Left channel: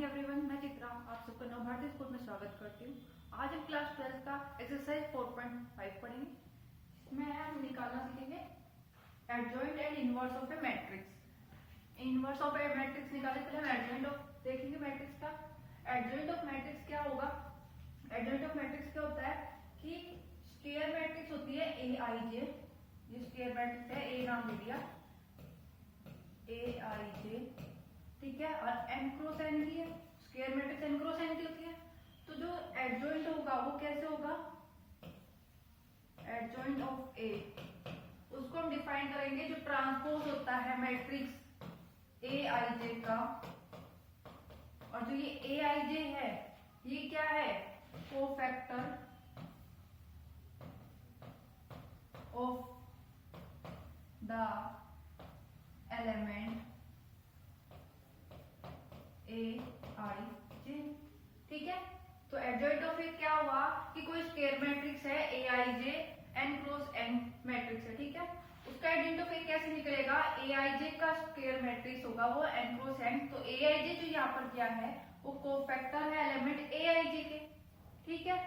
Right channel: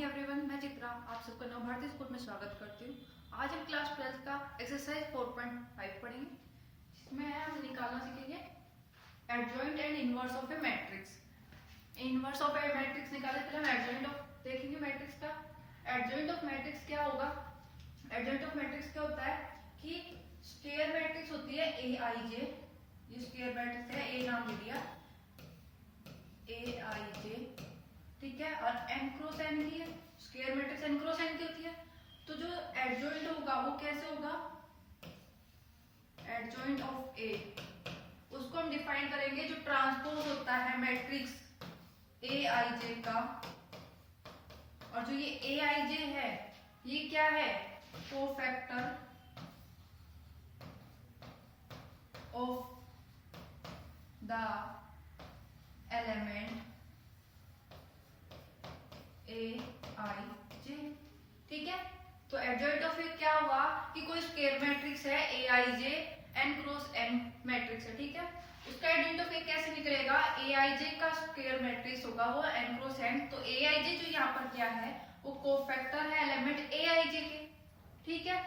Morning everyone, मैं चित्रा आप सबका नव भारती स्कूल में स्वागत करती हूँ। आज हम क्लास 12 का एक्सरसाइज 4.5 पढ़ेंगे। इसमें हम निकालना सीखेंगे adjoint and inverse of A matrix. Inverse of A matrix निकालने के लिए हम एडजॉइंट ऑफ देखेंगे मैट्रिक्स का। एडजॉइंट ऑफ मैट्रिक्स क्या होगा? एडजॉइंट ऑफ मैट्रिक्स क्या होता है कि स्क्वायर मैट्रिक्स होती है ए आई जे। ये स्क्वायर मैट्रिक्स है, ए नाम दे दिया ए आई जे, ठीक है। और एन क्रॉस एन की है, square matrix n cross n की होती है। तो जो एडजॉइंट होगा वो कैसे होगा? एडजॉइंट ऑफ ए, उसको हम डिफाइन करेंगे जो ट्रांसपोज होता है मैट्रिक्स ए आई जे का। और जो ये ए आई जे है ये क्या है? Cofactor of the element A I जे, ठीक है। तो एडजॉइंट ऑफ ए क्या हुआ कि कोई स्क्वायर मैट्रिक्स है A I J N cross N matrix है, ठीक है। उसका एडजॉइंट ऑफ ए कैसे निकलेगा? ए आई जे का स्क्वायर मैट्रिक्स होगा वो एन क्रॉस एन। तो ए आई जे जो यहाँ पर क्या है वो कोफैक्टर है एलिमेंट ए आई जे के, ठीक है।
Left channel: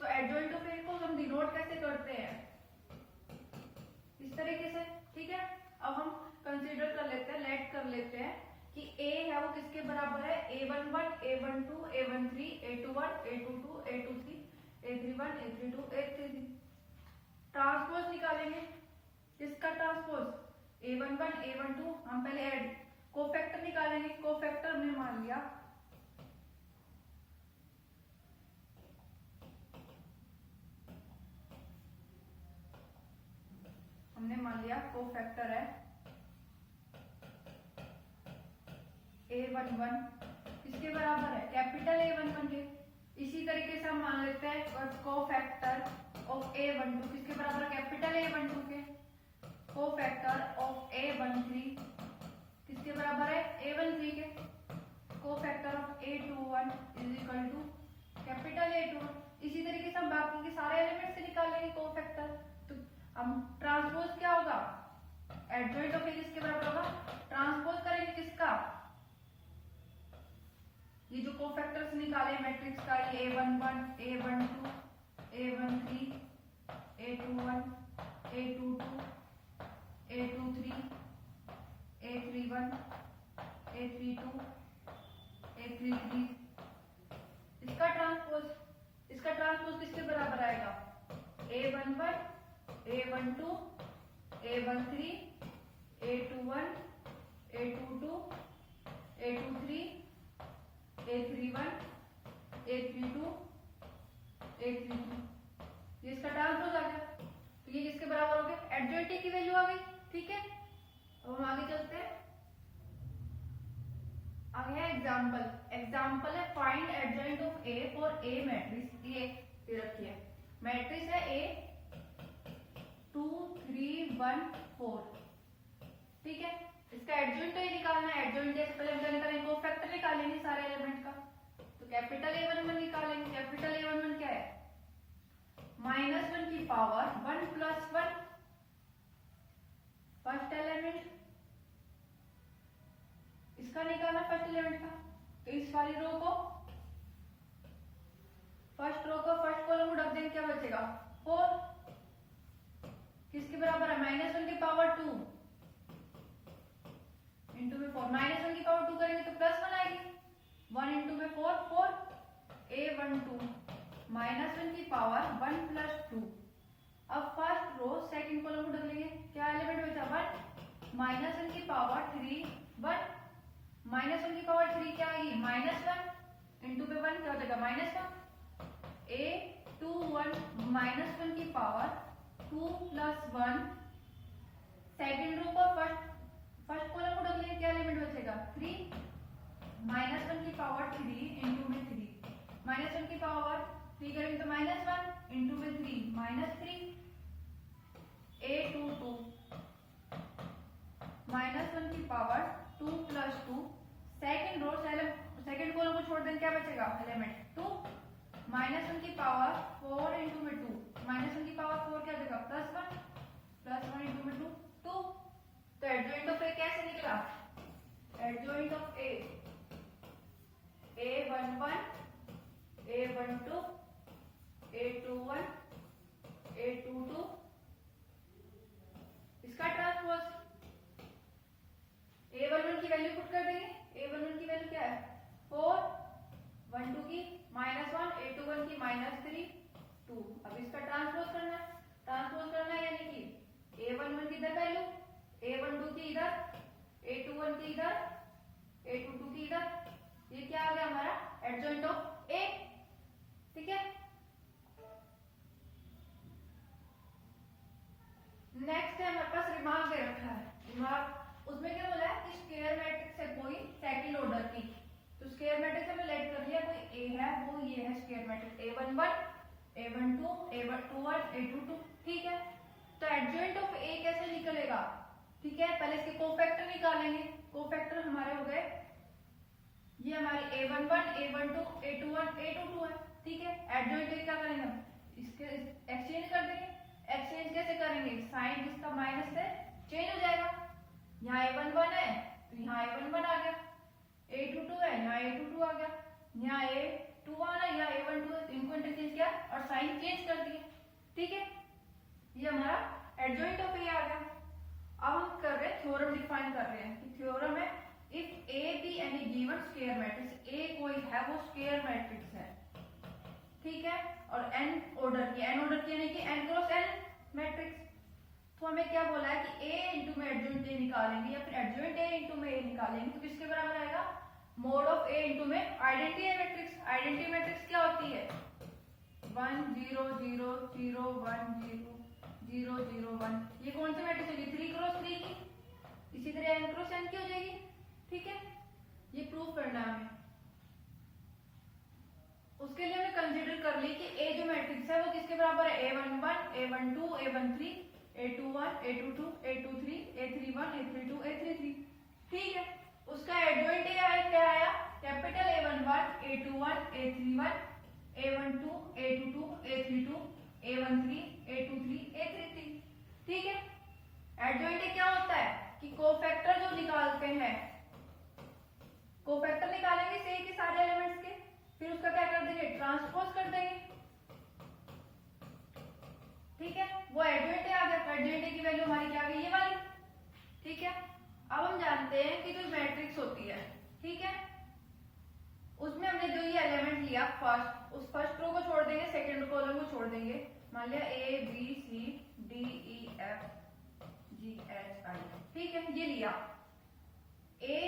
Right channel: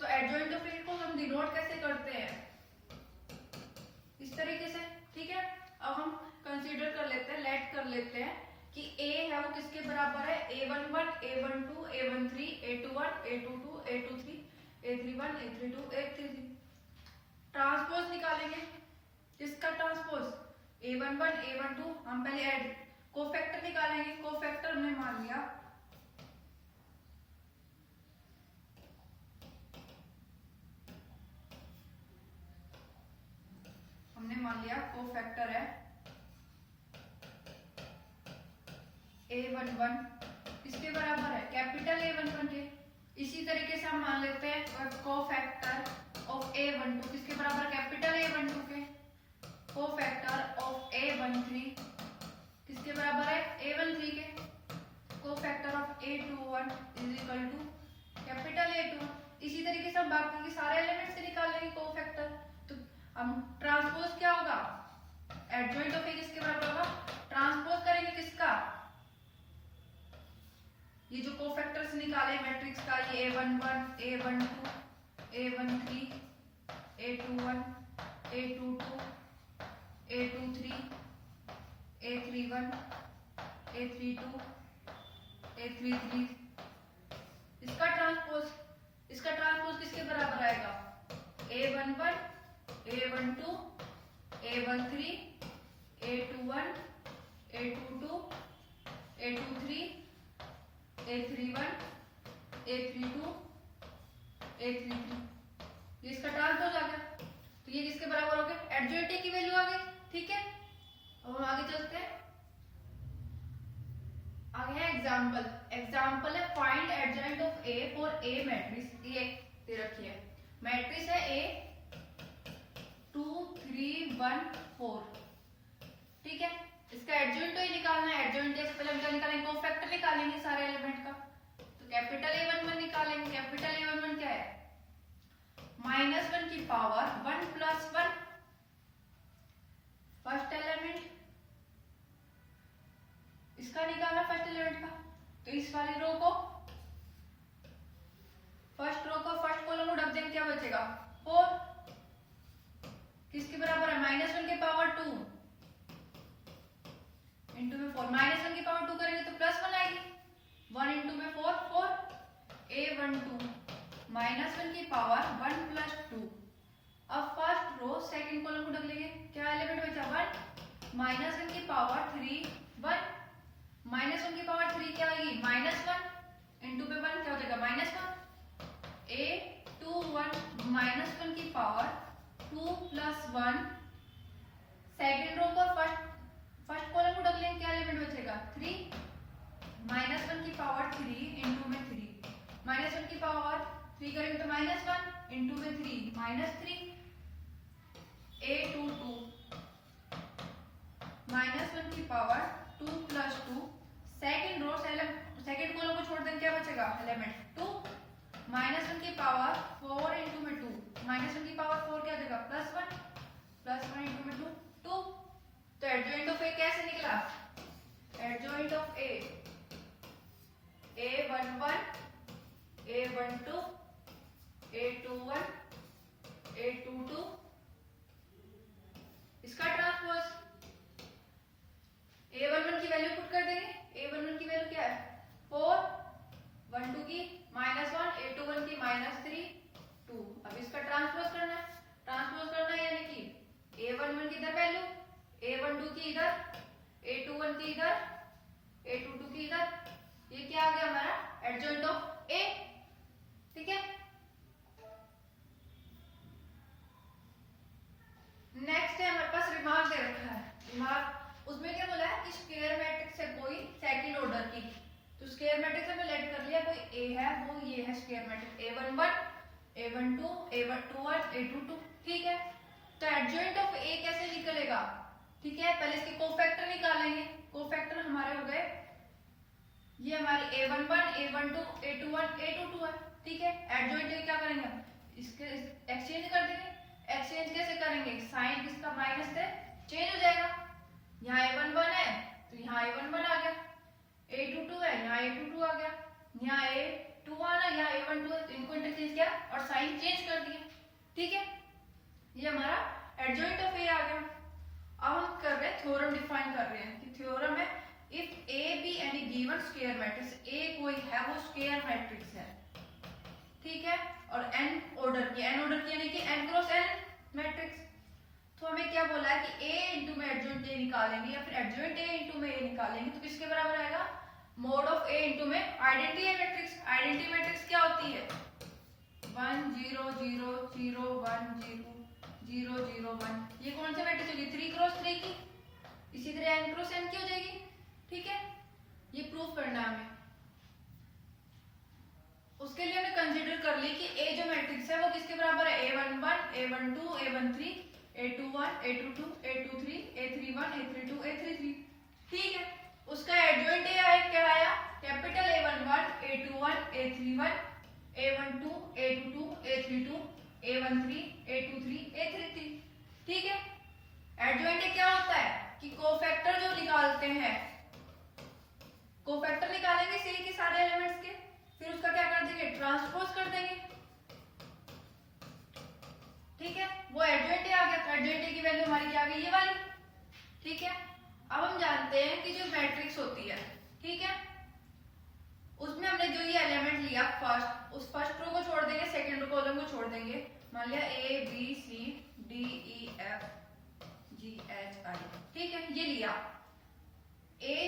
तो एडजॉइंट ऑफ ए को हम डिनोट कैसे करते हैं? इस तरीके से, ठीक है। अब हम कंसीडर कर लेते हैं, लेट कर लेते हैं कि a है वो किसके बराबर है? a11, a12, a13, a21, a22, a23, a31, a32, a33। Transpose निकालेंगे। किसका ट्रांसपोज? a11, a12। हम पहले ऐड कोफैक्टर निकालेंगे। कोफैक्टर हमने मान लिया कोफैक्टर है a11 किसके बराबर है? कैपिटल A11 के। इसी तरीके से हम मान लेते हैं कोफैक्टर ऑफ A12 किसके बराबर? कैपिटल A12 के। कोफैक्टर ऑफ A13 किसके बराबर है? A13 के। Cofactor of A21 is equal to capital A21। इसी तरीके से हम बाकी के सारे एलिमेंट से निकाल लेंगे कोफैक्टर। तो हम ट्रांसपोज क्या होगा? एडजॉइंट ऑफ ए किसके बराबर होगा? ट्रांसपोज करेंगे किसका? ये जो कोफैक्टर्स निकाले मैट्रिक्स का, ये a11, a12, a13, a21, a22, a23, a31, a32, a33। इसका ट्रांसपोज किसके बराबर आएगा? a11, a12, a13, a21, a22, a23, a31, a32, a33। ये इसका ट्रांसपोज आ गया। तो ये किसके बराबर हो गया? एडजॉइंट ए की वैल्यू आ गई, ठीक है। अब हम आगे चलते हैं। आगे है एग्जांपल है find adjoint of A for a matrix. ये दे रखी है मैट्रिक्स है ए 2 3 1 4, ठीक है। इसका एडजॉइंट तो ही निकालना है। एडजॉइंट जैसे पहले हम क्या निकालेंगे? कोफैक्टर निकालेंगे सारे एलिमेंट का। तो कैपिटल A11 निकालेंगे। कैपिटल A11 क्या है? -1 की पावर 1 प्लस 1 फर्स्ट एलिमेंट। इसका निकालना फर्स्ट एलिमेंट का। तो इस वाली रो को फर्स्ट कॉलम को रख देंगे, क्या बचेगा? 4 किसके बराबर है? -1 की पावर 2 इंटू में 4। -1 की पावर 2 करेंगे तो +1 आएगी। 1 इंटू में 4 4 a12 -1 की पावर 1 प्लस 2। अब फर्स्ट रो सेकंड कॉलम को रख लेंगे। क्या एलिमेंट बचा? 1 -1 की पावर 3 1 -1 की पावर 3 क्या आएगी? -1 इंटू में 1 क्या हो जाएगा? -1 a21 -1 की पावर 2 प्लस 1। सेकंड रो पर फर्स्ट कॉलम को रख लेंगे। क्या एलिमेंट बचेगा? 3 -1 की पावर 3 इंटू में 3। -1 की पावर 3 करेंगे तो -1 इंटू में 3 -3 a22 -1 की power 2 plus 2। Second row second column को छोड़ देंगे, क्या बचेगा? एलिमेंट 2 -1 की पावर 4 इंटू में 2। -1 की पावर 4 क्या देगा? +1 इंटू में 2। तो एडजॉइंट ऑफ ए कैसे निकला? Adjoint of A A12 A21 A22 इसका ट्रांसपोज A11 की वैल्यू पुट कर देंगे। A11 की वैल्यू क्या है 4, 12 की -1, A21 की -3, 2। अब इसका ट्रांसपोज करना है। ट्रांसपोज करना है यानी कि A11 की इधर वैल्यू, A12 की इधर, A21 की इधर, A22 की इधर। ये क्या आ गया हमारा एडजॉइंट ऑफ A। ठीक है। नेक्स्ट है हमारे पास रिमार्क दे रखा है। रिमार्क उसमें क्या बोला है कि स्क्वायर मैट्रिक्स है कोई सेकंड ऑर्डर की। तो स्क्वायर मैट्रिक्स हमने लेट कर लिया, कोई ए है वो ये है square matrix A11 A12 A21 A22। ठीक है। तो एडजॉइंट ऑफ ए कैसे निकलेगा? ठीक है, पहले इसके कोफैक्टर निकालेंगे। कोफैक्टर हमारे हो गए ये हमारे A11 A12 A21 A22 है। ठीक है। एडजॉइंट क्या करेंगे इसके एक्सचेंज कर देंगे। एक्सचेंज कैसे करेंगे? साइन किसका माइनस है चेंज हो जाएगा। यहाँ A11 है तो यहाँ A11 आ गया, A22 है यहाँ A22 आ गया, यहाँ A21 है यहाँ A12 है, तो इनको इंटरचेंज किया और साइन चेंज कर दिया। ठीक है। ये हमारा एडजॉइंट ऑफ ए आ गया। अब हम कर रहे हैं थ्योरम डिफाइन कर रहे हैं कि थ्योरम है if A B any given square matrix, A कोई है वो स्क्वायर मैट्रिक्स है। ठीक है। और एन ऑर्डर की, एन ऑर्डर की यानी कि एन क्रॉस एन मैट्रिक्स। तो हमें क्या बोला है कि ए इंटू में एडजॉइंट ए निकालेंगे या फिर एडजॉइंट ए इंटू में ए निकालेंगे तो किसके बराबर आएगा मोड ऑफ ए इंटू में आइडेंटिटी मैट्रिक्स। आइडेंटिटी मैट्रिक्स क्या होती है 1 0 0 0 1 0 0 0 1। ये कौन सी मैट्रिक्स होगी 3 क्रॉस 3 की। इसी तरह n क्रॉस n की हो जाएगी। ठीक है। ये प्रूफ करना है हमें। उसके लिए हमने कंसीडर कर ली कि ए जो मैट्रिक्स है वो किसके बराबर है A11 A12 A13 A21 A22 A23 A31 A32 A33। ठीक है। उसका एडजॉइंट ए आया क्या आया capital A11 A21 A31 A12 A22 A32 A13 A23 A33। ठीक है। एडजॉइंट क्या होता है कि कोफैक्टर जो निकालते हैं, कोफैक्टर निकालेंगे सी के सारे एलिमेंट्स के, फिर उसका क्या कर देंगे ट्रांसपोज कर देंगे। ठीक है। वो एडजॉइंट आ गया तो एडजॉइंट की वैल्यू हमारी क्या आ गई ये वाली। ठीक है। अब हम जानते हैं कि जो मैट्रिक्स होती है, ठीक है, उसमें हमने जो ये एलिमेंट लिया फर्स्ट, उस फर्स्ट रो को छोड़ देंगे, सेकंड कॉलम को छोड़ देंगे। मान लिया A B C D E F G H I। ठीक है। ये लिया A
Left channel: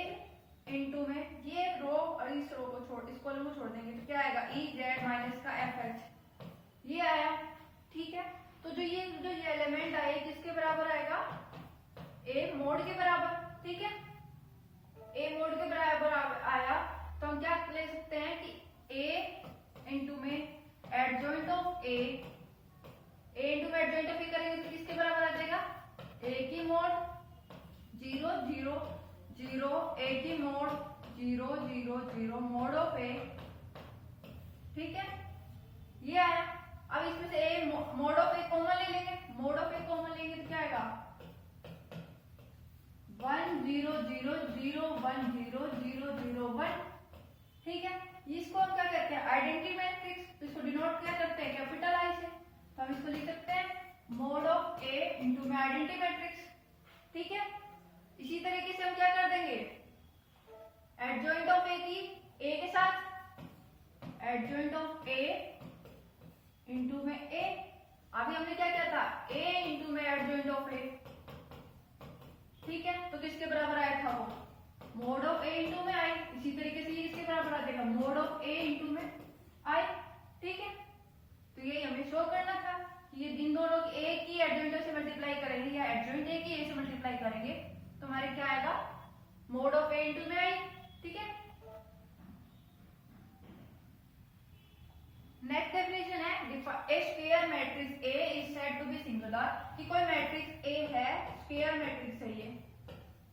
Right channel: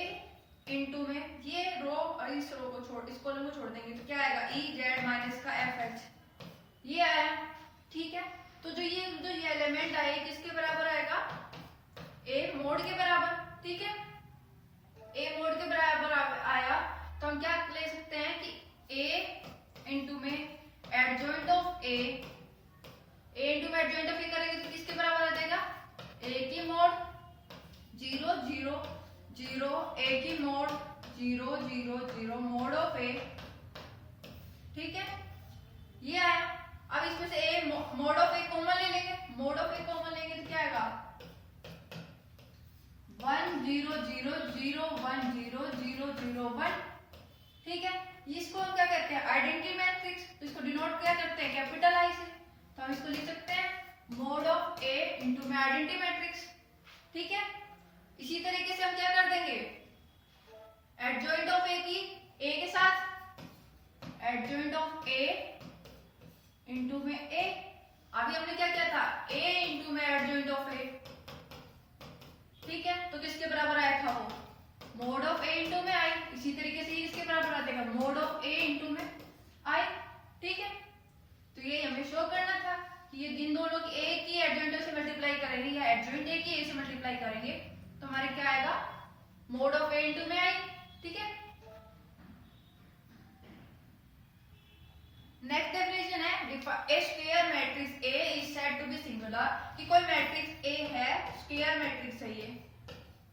इनटू में ये रो और इस रो को छोड़, इस कॉलम को छोड़ देंगे तो क्या आएगा E Z माइनस का F H। ये आया। ठीक है। तो जो ये एलिमेंट आए किसके बराबर आएगा A मोड के बराबर। ठीक है। A मोड के बराबर आया तो हम क्या ले सकते हैं कि A इनटू में एडजॉइंट ऑफ A इनटू में एडजॉइंट ऑफ A करेंगे तो किसके बराबर आ जाएगा A की मोड 0 0 0 A की मोड 0 0 0 मोड ऑफ A। ठीक है। ये आया। अब इसमें से A mode of A common ले लेंगे। मोड ऑफ A कॉमन लेंगे तो क्या आएगा 1 0 0 0 1 0 0 0 1। ठीक है। इसको हम क्या कहते हैं आइडेंटिटी मैट्रिक्स। इसको डिनोट क्या करते हैं कैपिटल आई से। तो हम इसको लिख सकते हैं मोड ऑफ A इनटू में आइडेंटिटी मैट्रिक्स। ठीक है। इसी तरीके से हम क्या कर देंगे एडजॉइंट ऑफ A की A के साथ एडजॉइंट ऑफ A इनटू में A। अभी हमने क्या किया था A इनटू में एडजॉइंट ऑफ A। ठीक है। तो किसके बराबर आया था वो मोड ऑफ A इनटू में I। इसी तरीके से इसके बराबर आ जाएगा मोड ऑफ A इनटू में I। ठीक है। तो ये हमें शो करना था कि ये इन दोनों की A की एडजॉइंट से मल्टीप्लाई करेंगे या एडजॉइंट A की A से मल्टीप्लाई करेंगे तो हमारे क्या आएगा मोड ऑफ A इनटू में I। ठीक है। नेक्स्ट डेफिनेशन है A square matrix A is said to be singular कि कोई मैट्रिक्स A है स्क्वायर मैट्रिक्स है ये।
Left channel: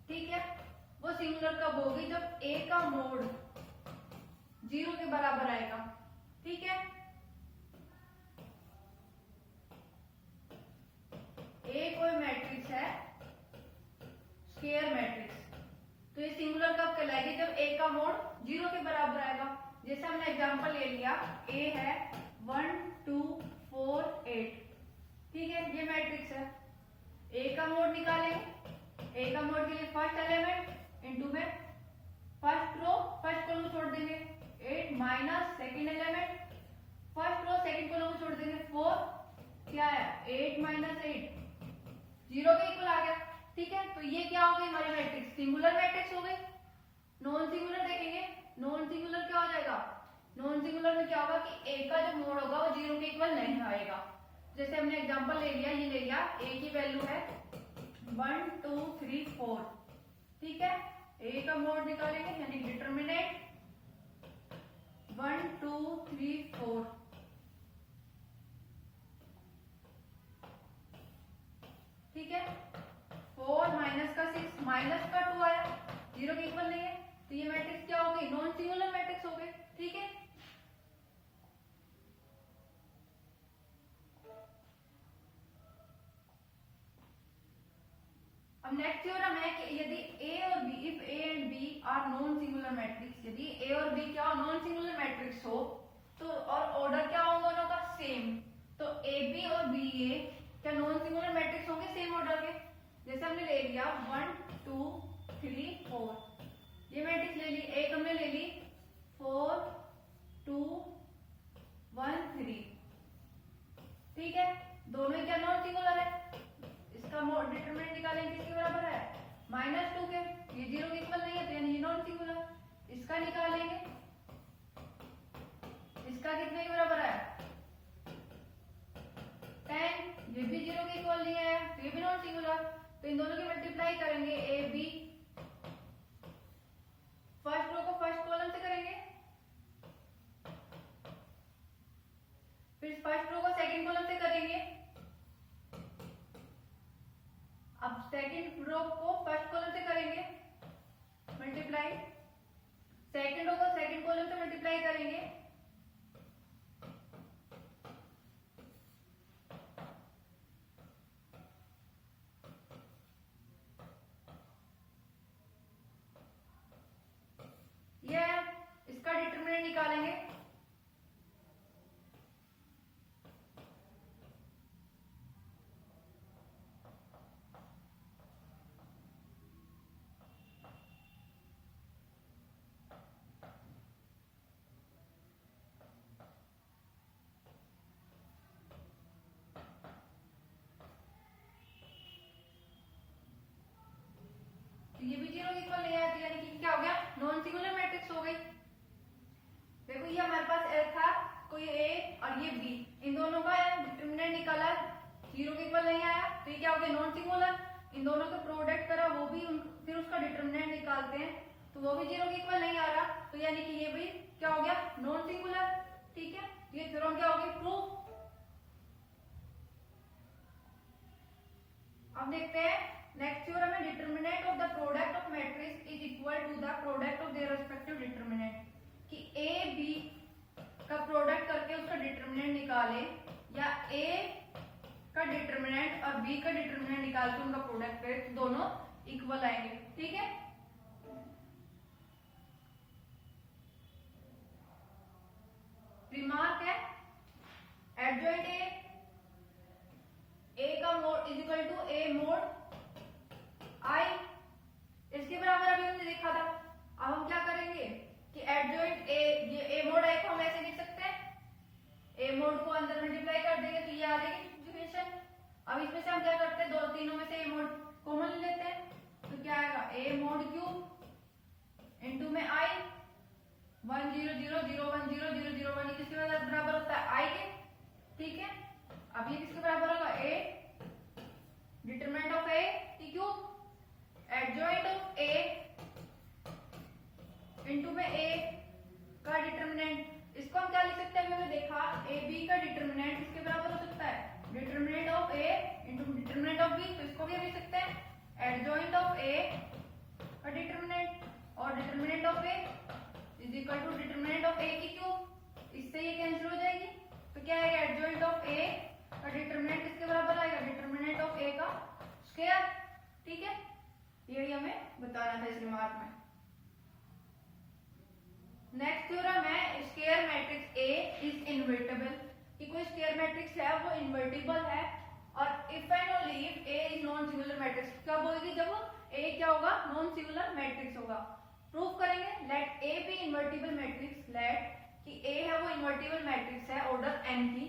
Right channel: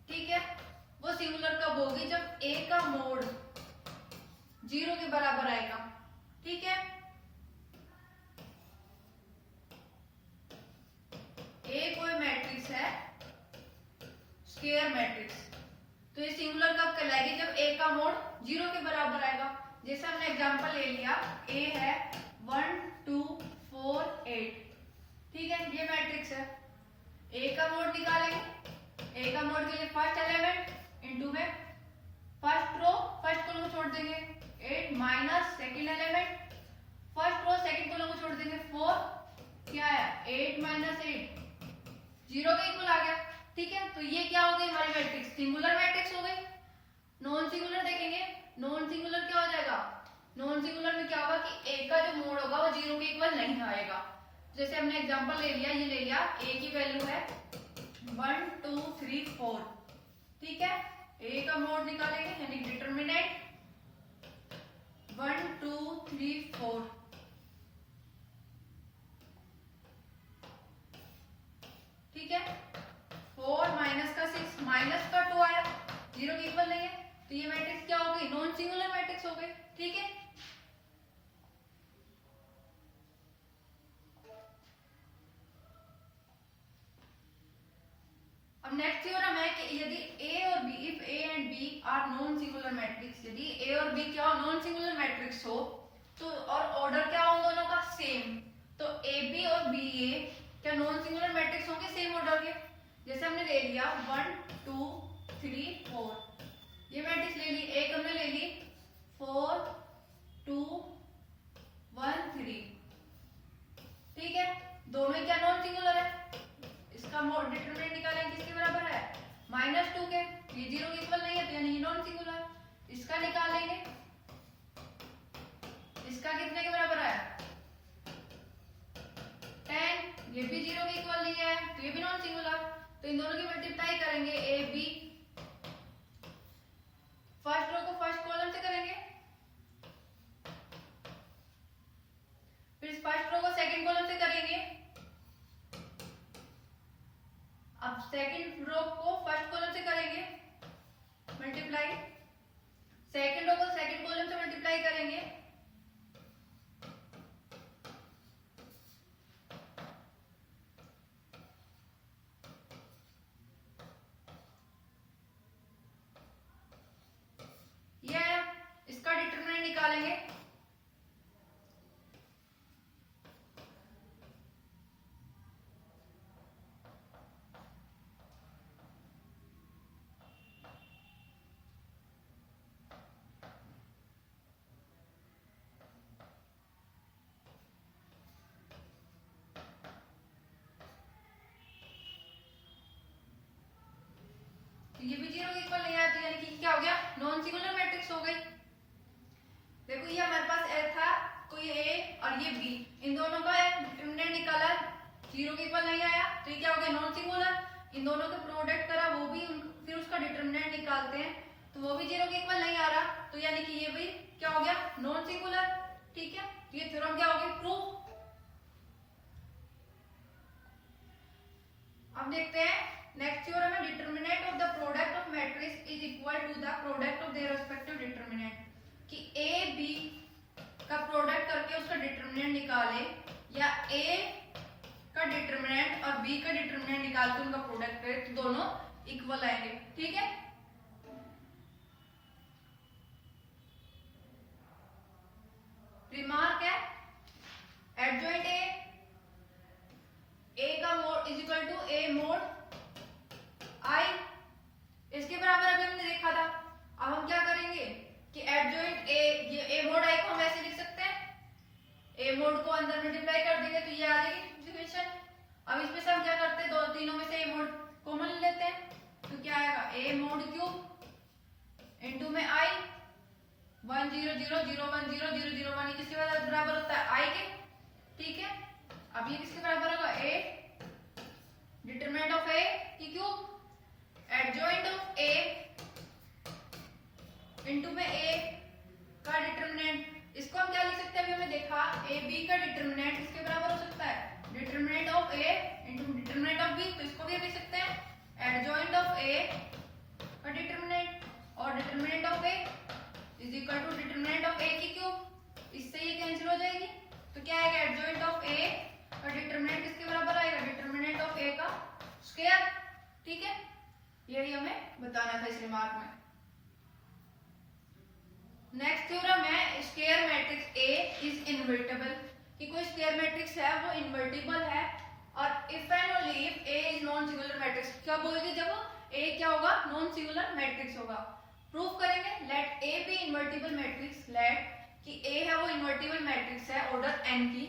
ठीक है। वो सिंगुलर कब होगी जब A का मोड 0 के बराबर आएगा। ठीक है। A कोई मैट्रिक्स है स्क्वायर मैट्रिक्स तो ये सिंगुलर कब कहलाएगी जब A का मोड 0 के बराबर आएगा। जैसे हमने एग्जांपल ले लिया, ए है 1 2 4 8, ठीक है, ये मैट्रिक्स है। ए का मोड निकालेंगे, ए का मोड के लिए फर्स्ट एलिमेंट इनटू में फर्स्ट रो फर्स्ट कॉलम छोड़ देंगे, 8 minus second element first row second column छोड़ देंगे, 4 क्या है 8 माइनस 8 0 के इक्वल आ गया, ठीक है। तो ये क्या हो गई हमारी मैट्रिक्स, सिंगुलर मैट्रिक्स हो गई। नॉन सिंगुलर देखेंगे, नॉन सिंगुलर क्या हो जाएगा, नॉन सिंगुलर में क्या होगा कि ए का जो मोड होगा वो 0 के इक्वल नहीं आएगा। जैसे हमने एग्जांपल ले लिया, ये ले लिया, ए की वैल्यू है 1 2 3 4, ठीक है। ए का मोड निकालेंगे यानी डिटरमिनेंट 1 2 3 4, ठीक है। 4 माइनस का 6 माइनस का 2 आया, 0 के इक्वल नहीं है, तो ये मैट्रिक्स क्या हो गई, नॉन सिंगुलर मैट्रिक्स हो गई, ठीक है। अब नेक्स्ट थ्योरम है कि यदि ए और B, if A and B are non singular matrix, यदि ए और बी क्या नॉन सिंगुलर मैट्रिक्स हो तो और ऑर्डर क्या हो दोनों का सेम, तो ए बी और बी ए क्या नॉन सिंगुलर मैट्रिक्स होंगे सेम ऑर्डर के। जैसे हमने ले लिया 1 2 3 4, ये मैट्रिक्स ले ली, एक हमने ले ली 4 2 1 3, ठीक है। दोनों क्या नॉन सिंगुलर है, इसका डिटरमिनेंट निकालेंगे किसके बराबर है, -2 के, ये 0 के इक्वल नहीं है तो यानी ये नॉन सिंगुलर। इसका निकालेंगे, इसका कितने के बराबर आया 10, ये भी 0 के इक्वल नहीं है तो ये भी नॉन सिंगुलर। तो इन दोनों की मल्टीप्लाई करेंगे, ए बी फर्स्ट रो को फर्स्ट कॉलम से करेंगे, फिर फर्स्ट रो को सेकंड कॉलम से करेंगे, अब सेकंड रो को फर्स्ट कॉलम से करेंगे मल्टीप्लाई, सेकंड रो को सेकंड कॉलम से मल्टीप्लाई करेंगे, ये इसका डिटरमिनेंट निकालेंगे, ये भी 0 के इक्वल नहीं आया तो यानी कि क्या हो गया, नॉन सिंगुलर मैट्रिक्स हो गई। देखो ये हमारे पास ए था, तो ये ए और ये बी, इन दोनों का डिटरमिनेंट निकाला, 0 के इक्वल नहीं आया तो ये क्या हो गया नॉन सिंगुलर। इन दोनों का प्रोडक्ट करा, वो भी फिर उसका डिटरमिनेंट निकालते हैं तो वो भी 0 के इक्वल नहीं आ रहा, तो यानी कि ये भी क्या हो गया नॉन सिंगुलर, ठीक है। तो ये थ्योरम क्या हो गई प्रूफ। अब देखते हैं नेक्स्ट थ्योरम है, determinant of the product of matrix is equal to the product of their respective determinant, कि ए बी का प्रोडक्ट करके उसका डिटरमिनेंट निकाले या ए का डिटरमिनेंट और बी का डिटरमिनेंट निकाल के उनका प्रोडक्ट करे तो दोनों इक्वल आएंगे, ठीक है। रिमार्क है एडजॉइंट ए का mod is equal to A mod I, इसके बराबर अभी हमने देखा था। अब हम क्या करेंगे कि एडजॉइंट ए, ये ए मोड आई को हम ऐसे लिख सकते हैं, ए मोड को अंदर मल्टीप्लाई कर देंगे तो ये आ जाएगी इक्वेशन। अब इसमें से हम क्या करते हैं, दो तीनों में से ए मोड कॉमन लेते हैं तो क्या आएगा ए मोड क्यूब इनटू में आई 1 0 0 0 1 0 0 0 1, किसके बराबर होता है आई के, ठीक है। अब ये किसके बराबर होगा ए डिटरमिनेंट ऑफ ए की cube adjoint of A into में ए का डिटरमिनेंट, इसको हम क्या लिख सकते हैं, अभी हमने देखा ए बी का डिटरमिनेंट किसके बराबर हो सकता है determinant of A into determinant of B, तो इसको भी लिख सकते हैं एडजॉइंट ऑफ ए का डिटरमिनेंट और determinant of A is equal to determinant of A की क्यूब, इससे ये कैंसिल हो जाएगी तो क्या आएगा एडजॉइंट ऑफ ए और डिटरमिनेंट किसके बराबर आएगा डिटरमिनेंट ऑफ ए का स्क्वायर, ठीक है। यही हमें बताना था इस रिमार्क में। नेक्स्ट थ्योरम है square matrix A is invertible, कि कोई स्क्वायर मैट्रिक्स है वो इनवर्टिबल है और if and only if A is non singular matrix. क्या बोलेंगे जब ए क्या होगा, नॉन सिंगुलर मैट्रिक्स होगा। प्रूफ करेंगे, let A B invertible matrix, let कि ए है वो इनवर्टिबल मैट्रिक्स है ऑर्डर n की,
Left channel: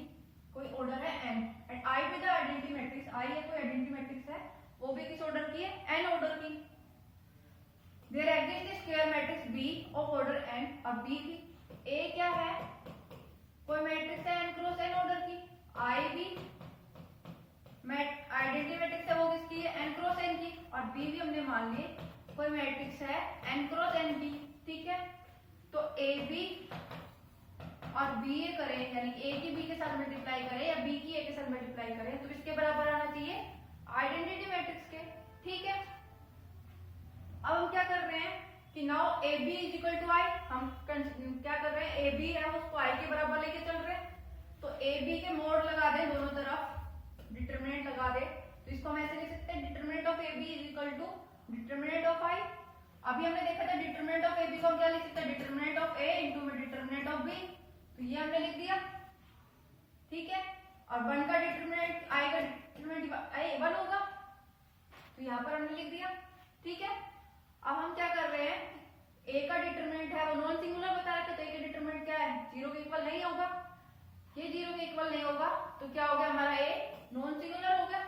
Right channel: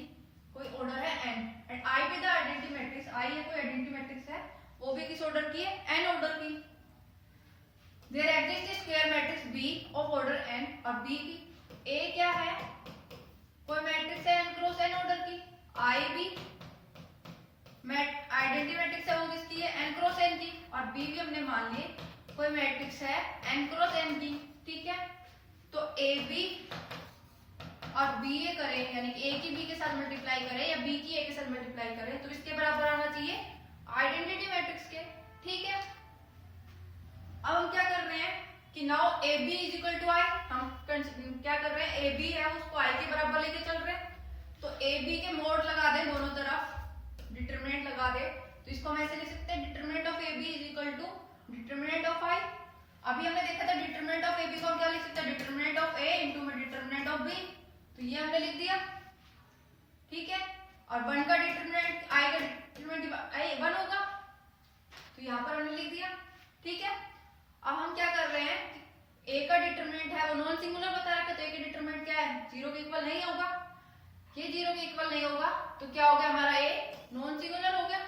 कोई ऑर्डर है n, and I be the identity matrix, I है कोई आइडेंटिटी मैट्रिक्स है, वो भी किस ऑर्डर की है, n ऑर्डर की। There exist square matrix B of order n, और B की A क्या है, कोई मैट्रिक्स है n क्रॉस n ऑर्डर की, I भी आइडेंटिटी मैट्रिक्स है वो किसकी है, n क्रॉस n की, और B भी हमने मान लिए कोई मैट्रिक्स है n क्रॉस n की, ठीक है। तो AB और BA करें, यानी A की B के साथ मल्टीप्लाई करें या B की A के साथ मल्टीप्लाई करें, तो इसके बराबर आना चाहिए आइडेंटिटी मैट्रिक्स के, ठीक है। अब हम क्या कर रहे हैं कि now AB is equal to I, हम क्या कर रहे हैं, AB है उसको I के बराबर लेके चल रहे हैं, तो AB के मोड लगा दें दोनों तरफ, डिटरमिनेंट लगा दे, तो इसको हम ऐसे लिख सकते हैं determinant of AB is equal to determinant of I। अभी हमने देखा था डिटरमिनेंट ऑफ AB को हम क्या लिख सकते हैं, determinant of A into determinant of B, तो ये हमने लिख दिया, ठीक है। और 1 का डिटरमिनेंट I का डिटरमिनेंट 1 होगा, तो यहाँ पर हमने लिख दिया, ठीक है। अब हम क्या कर रहे हैं, A का डिटरमिनेंट है वो नॉन सिंगुलर बता रखा है, तो A का डिटरमिनेंट क्या है, 0 के इक्वल नहीं होगा, ये 0 के इक्वल नहीं होगा, तो क्या हो गया हमारा A नॉन सिंगुलर हो गया।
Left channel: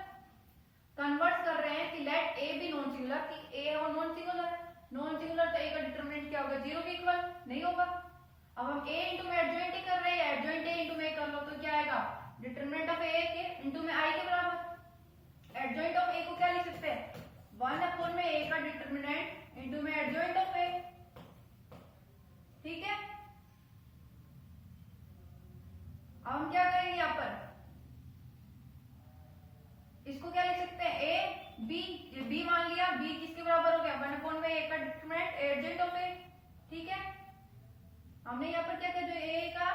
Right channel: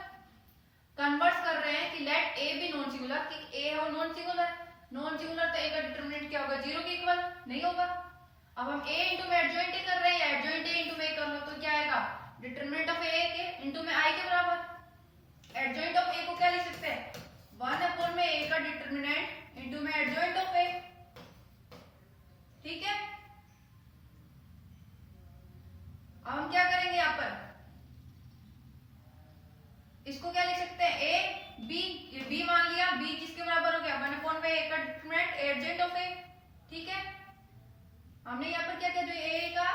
कन्वर्स कर रहे हैं कि लेट A भी नॉन सिंगुलर, कि A है वो नॉन सिंगुलर, नॉन सिंगुलर तो A का डिटरमिनेंट क्या होगा, 0 के इक्वल नहीं होगा। अब हम A इंटू में एडजॉइंट कर रहे हैं, एडजॉइंट A इंटू में कर लो तो क्या आएगा, डिटरमिनेंट ऑफ A के इंटू में I के बराबर। एडजॉइंट ऑफ A को क्या लिख सकते हैं, 1 अपॉन में A का डिटरमिनेंट इंटू में एडजॉइंट ऑफ A, ठीक है। अब हम क्या करेंगे, यहाँ पर इसको क्या लिख सकते हैं, A B, ये B मान लिया, B किसके बराबर हो गया, 1 अपॉन में A का डिटरमिनेंट एडजॉइंट ऑफ A, ठीक है। हमने यहाँ पर क्या किया, जो A का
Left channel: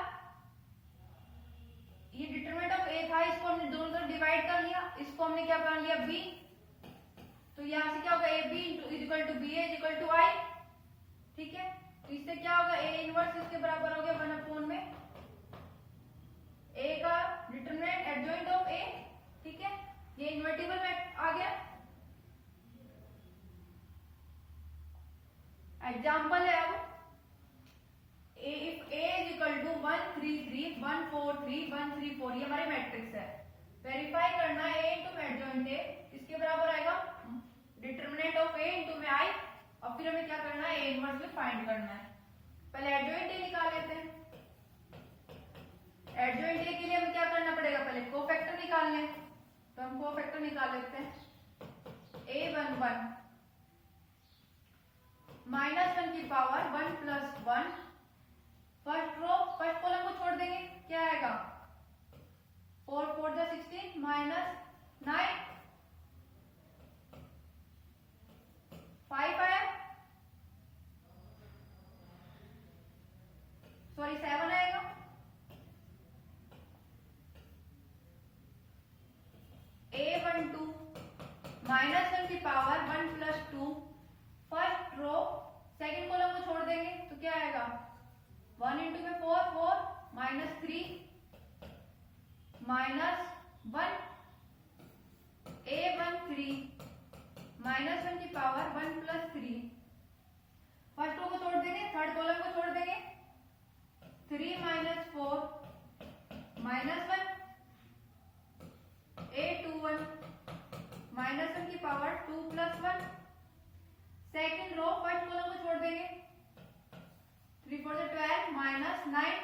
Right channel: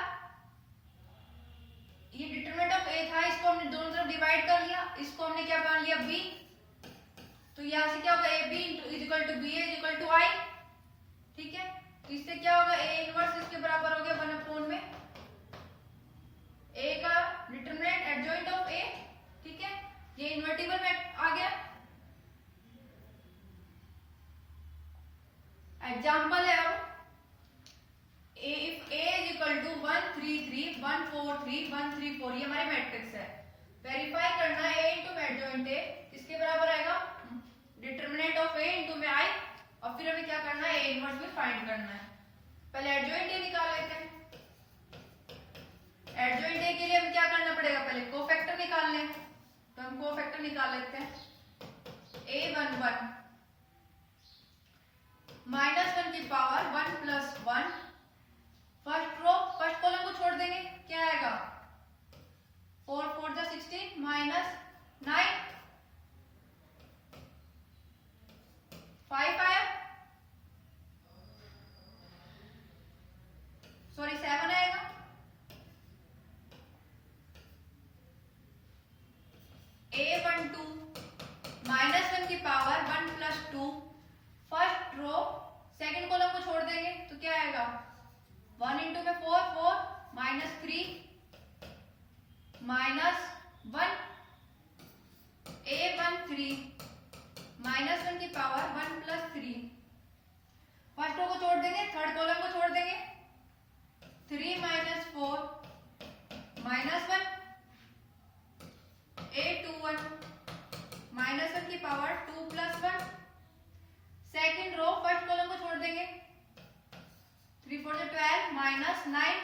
ये डिटरमिनेंट ऑफ A था, इसको हमने दोनों तरफ डिवाइड कर लिया, इसको हमने क्या मान लिया B, तो यहाँ से क्या होगा AB is equal to BA is equal to I, ठीक है। तो इससे क्या होगा, A इनवर्स इसके बराबर हो गया 1 अपॉन में A का डिटरमिनेंट एडजॉइंट ऑफ A, ठीक है। ये इन्वर्टिबल में आ गया। एग्जांपल है अब if A is equal to 1 3 3 1 4 3 1 3 4, ये हमारे मैट्रिक्स है। वेरीफाई करना है A इंटू एडजॉइंट A किसके बराबर आएगा, डिटरमिनेंट ऑफ A इंटू में I, और फिर हमें क्या करना है, A इनवर्स में फाइंड करना है। पहले एडजॉइंट A निकाल लेते हैं। एडजॉइंट A के लिए हमें क्या करना पड़ेगा, पहले कोफैक्टर निकालने हैं, तो हम कोफैक्टर निकाल लेते हैं। A11 -1 की power 1 plus 1, first row first column को छोड़ देंगे, क्या आएगा 4 4 जा 16 -9 5 आया, सॉरी 7 आएगा। A12 -1 की power 1 plus 2, first row second column को छोड़ देंगे तो क्या आएगा 1 इंटू में 4 4 -3 -1, A13 -1 की पावर 1 प्लस 3, फर्स्ट रो को छोड़ देंगे, थर्ड कॉलम को छोड़ देंगे, 3 -4 -1, A21 -1 की power 2 plus 1, second row first column को छोड़ देंगे, 3 4 12 -9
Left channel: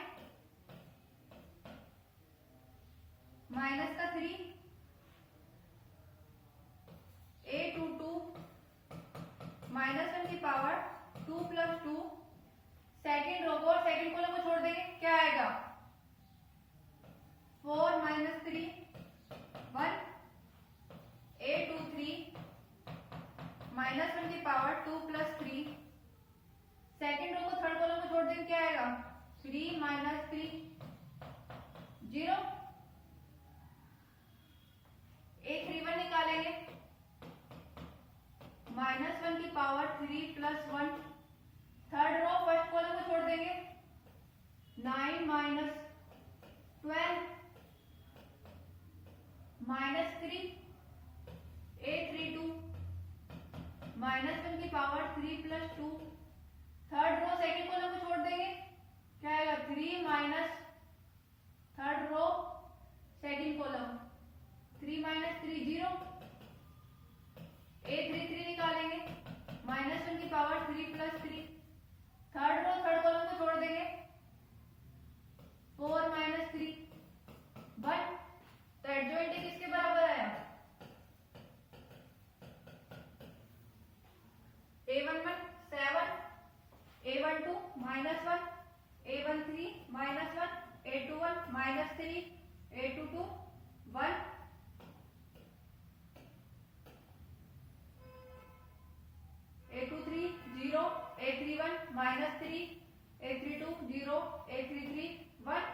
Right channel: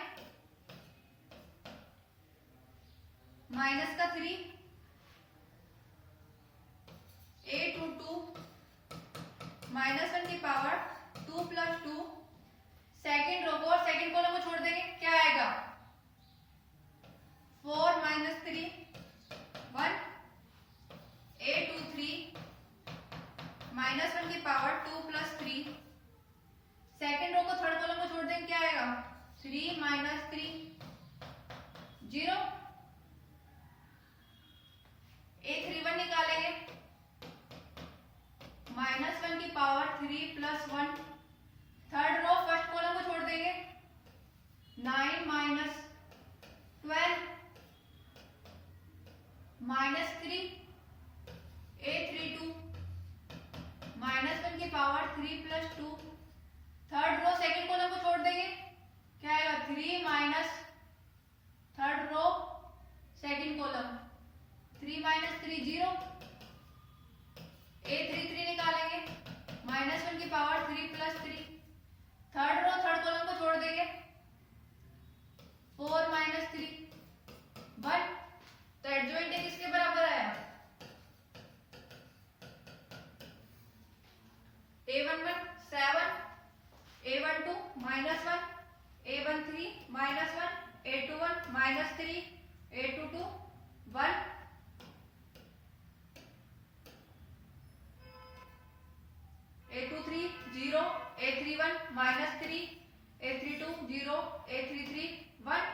माइनस का 3, A22 -1 की पावर 2 प्लस 2, सेकेंड रो को और सेकेंड कॉलम को छोड़ देंगे, क्या आएगा 4 -3 1, A23 -1 की पावर 2 प्लस 3, सेकेंड रो को थर्ड कॉलम को छोड़ देंगे, क्या आएगा 3 -3 0, A31 निकालेंगे, -1 की power 3 plus 1, third row first column को छोड़ देंगे, 9 माइनस 12 माइनस 3 a32 माइनस 1 की power 3 plus 2। Third row second column को छोड़ देंगे, क्या आएगा 3 minus third row second column 3 minus 3 0, a33 निकालेंगे माइनस 1 की power 3 plus 3। Third row third column को छोड़ देंगे 4 माइनस 3 1। तो एडजॉइंट किसके बराबर आया a11 7 a12 minus 1 a13 minus 1 a21 minus 3 a22 1। a23 0 a31 minus 3 a32 0 a33 1।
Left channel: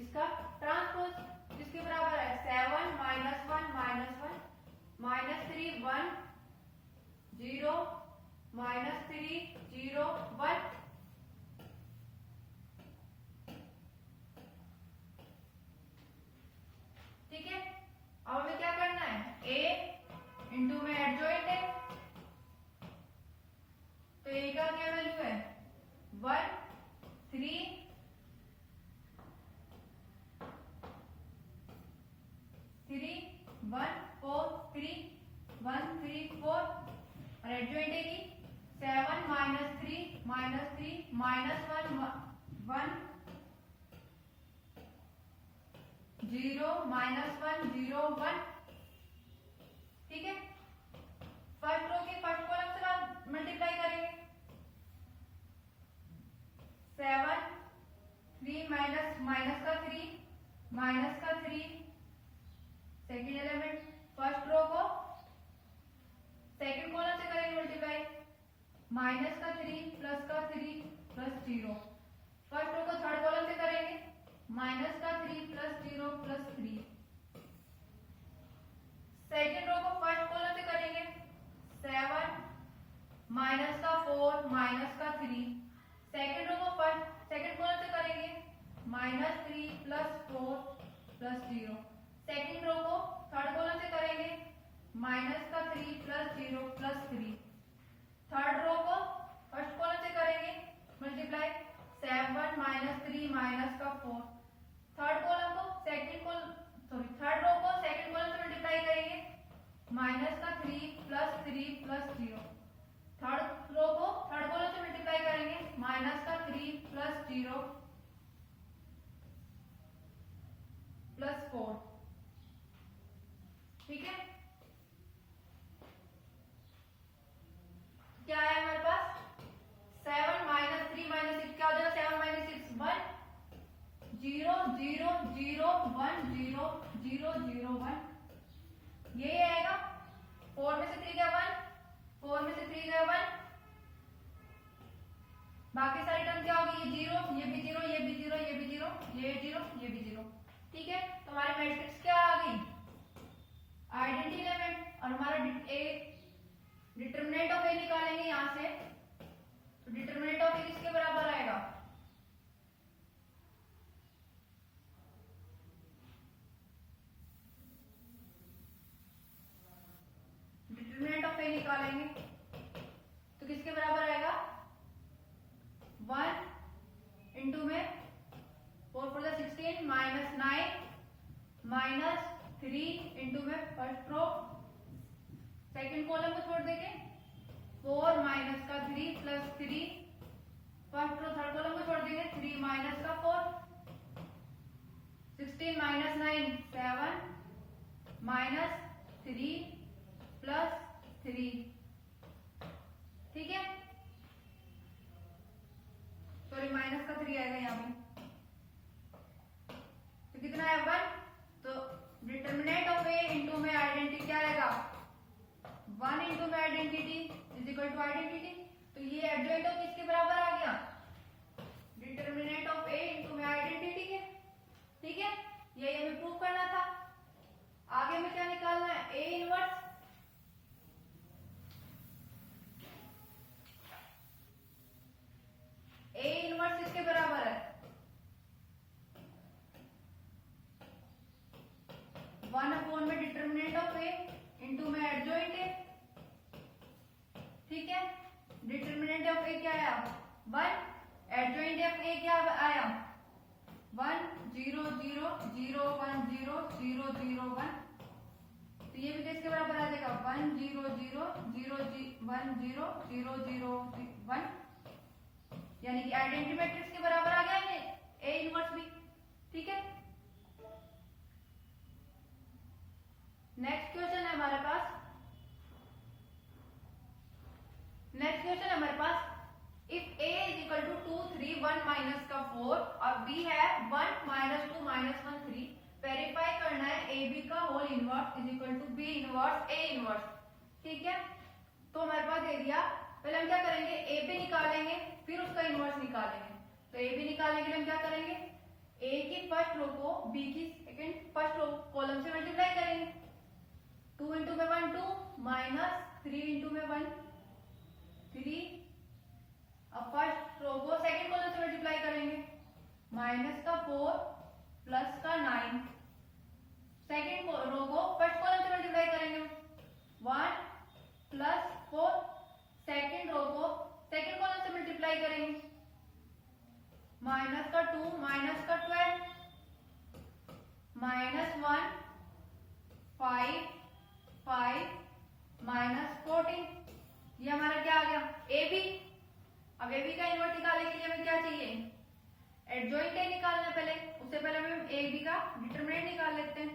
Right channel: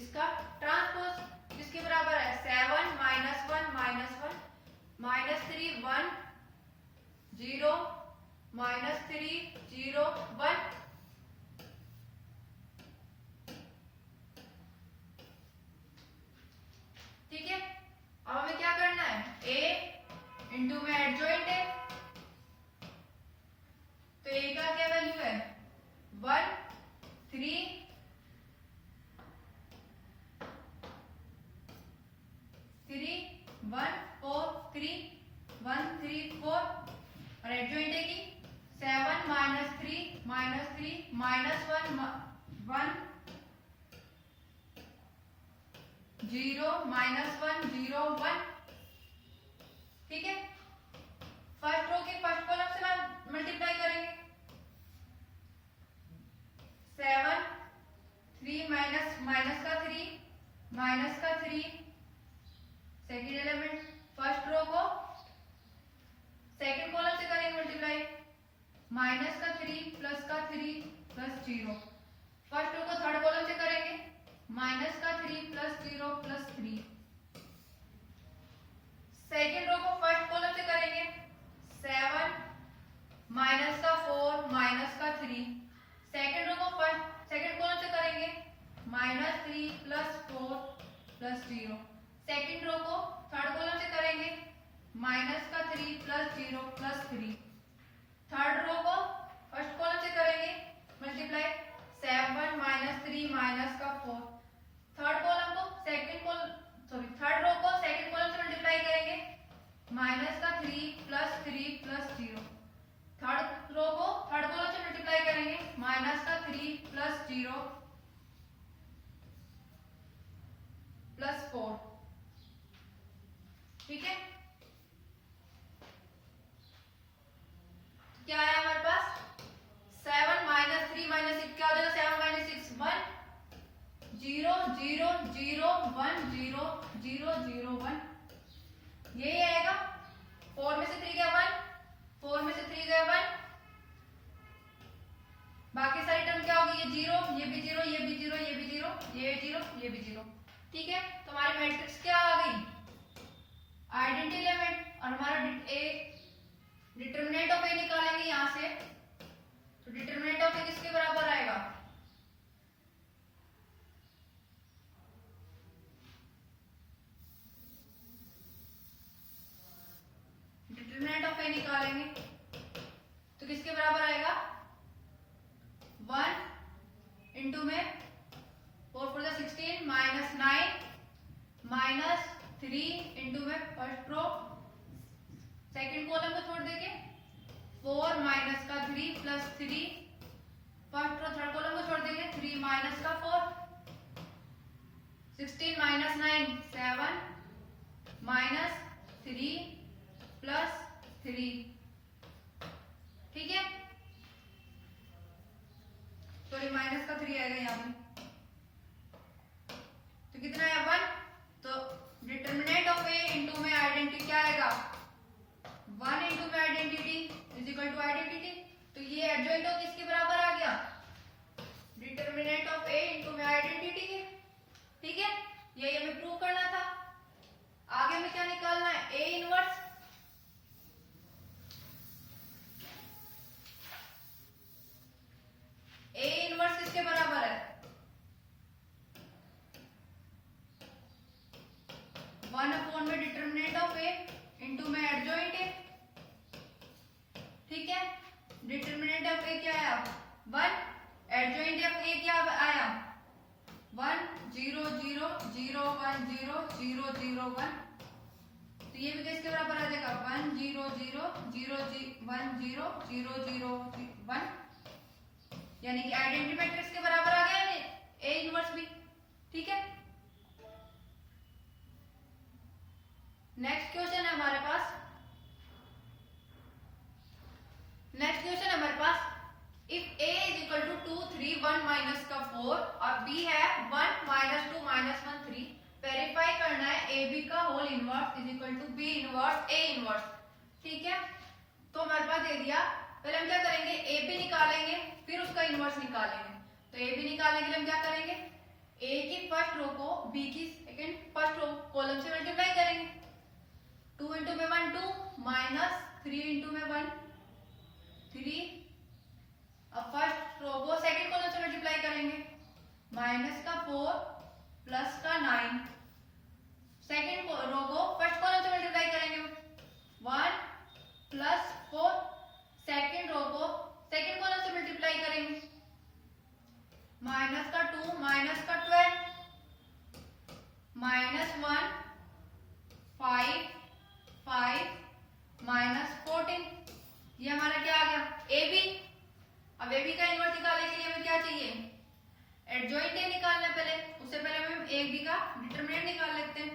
इसका ट्रांसपोज किसके बराबर है 7 माइनस 1 माइनस 1 माइनस 3 1 0 माइनस 3 0 1। ठीक है, अब हमें क्या करना है a इंटू में एडजॉइंट है, तो a का क्या वैल्यू है 1 3 3 1 4 3 1 3 4 और एडजॉइंट है कि 7 माइनस 3 माइनस 1 1 0 माइनस 1 0 1। ठीक है, फर्स्ट रो के फर्स्ट कॉलम से मल्टीप्लाई करेंगे 7 3 माइनस माइनस का 3 माइनस का 3 सेकेंड एलिमेंट फर्स्ट रो को सेकेंड कॉलम से करेंगे मल्टीप्लाई माइनस का 3 प्लस का 3 प्लस 0। फर्स्ट रो को थर्ड कॉलम से करेंगे माइनस का 3 प्लस 0 प्लस 3। सेकेंड रो को फर्स्ट कॉलम से करेंगे 7 माइनस का 4 माइनस का 3। सेकेंड रो को फर्स्ट सेकेंड कॉलम से करेंगे minus 3 plus 4 plus 0। Second row को थर्ड कॉलम से करेंगे माइनस का 3 प्लस 0 प्लस 3। थर्ड रो को फर्स्ट कॉलम से करेंगे मल्टीप्लाई 7 माइनस 3 माइनस का 4। थर्ड कॉलम को थर्ड रो को सेकेंड कॉलम से मल्टीप्लाई करेंगे माइनस का 3 प्लस 0। थर्ड रो को थर्ड कॉलम से मल्टीप्लाई करेंगे माइनस का 3 प्लस 0 प्लस 4। ठीक है, क्या है हमारे पास 7 माइनस 3 माइनस 6 क्या हो जाएगा 7 माइनस 6 1 0 0 0 1 0 0 0 1। यही आएगा 4 में से 3 गया 1 4 में से 3 गया 1। बाकी सारी टर्म क्या होगी ये 0 ये भी 0 ये भी 0 ये भी 0 ये 0 ये भी 0। ठीक है, तो हमारी मैट्रिक्स क्या आ गई आइडेंटिटी एलिमेंट। और हमारा डिटरमिनेंट ऑफ ए निकालेंगे यहां से, तो डिटरमिनेंट ऑफ ए किसके बराबर आएगा डिटरमिनेंट ऑफ ए निकालेंगे तो किसके बराबर आएगा 1 इंटू में 4 4 16 माइनस 9 माइनस 3 इंटू में फर्स्ट रो सेकेंड कॉलम को छोड़ देंगे 4 माइनस का 3 plus 3। First row third column को छोड़ देंगे 3 माइनस का 4। 16 माइनस 9 7 माइनस 3 प्लस 3। ठीक है, सॉरी माइनस का 3 आएगा यहाँ पे, तो कितना है 1। तो डिटरमिनेंट ऑफ ए इंटू में आइडेंटिटी क्या आएगा 1 इंटू में identity is equal to identity. तो ये एडजॉइंट ऑफ किसके बराबर आ गया डिटरमिनेंट ऑफ ए इंटू में आइडेंटिटी के। ठीक है, यही हमें प्रूव करना था। आगे हमें क्या निकालना है ए इनवर्स। डिटरमिनेंट ऑफ ए क्या आया 1, एडजॉइंट ऑफ ए क्या आया 1 0 0 0 1 0 0 0 1, तो ये भी किसके बराबर आ जाएगा 1 0 0 0 1 0 0 0 1, यानी कि आइडेंटिटी मैट्रिक्स के बराबर आ गया ए इनवर्स भी। ठीक है, नेक्स्ट क्वेश्चन है हमारे पास, नेक्स्ट क्वेश्चन है हमारे पास, if a is equal to 2 3 1 minus का 4 और b है 1 माइनस 2 माइनस 1 3, वेरीफाई करना है ab का whole inverse is equal to b inverse a inverse. ठीक है, तो हमारे पास दे दिया, पहले हम क्या करेंगे ab निकालेंगे फिर उसका इनवर्स निकालेंगे। तो ab निकालने के लिए हम क्या करेंगे a की फर्स्ट रो को b की सेकंड फर्स्ट रो कॉलम से मल्टीप्लाई करेंगे, 2 इंटू में 1 2 माइनस 3 इंटू में 1 3, अब फर्स्ट रो को सेकंड कॉलम से मल्टीप्लाई करेंगे, माइनस का 4 प्लस का 9, सेकंड रो को फर्स्ट कॉलम से मल्टीप्लाई करेंगे 1 प्लस 4, सेकंड रो को सेकंड कॉलम से मल्टीप्लाई करेंगे, माइनस का 2 माइनस का 12 माइनस 1 5 5 माइनस 14, ये हमारा क्या आ गया ए बी। अब ए बी का इनवर्स निकालने के लिए हमें क्या चाहिए एडजॉइंट ए निकालना है पहले, उससे पहले हम ए बी का डिटरमिनेंट निकाल लेते हैं।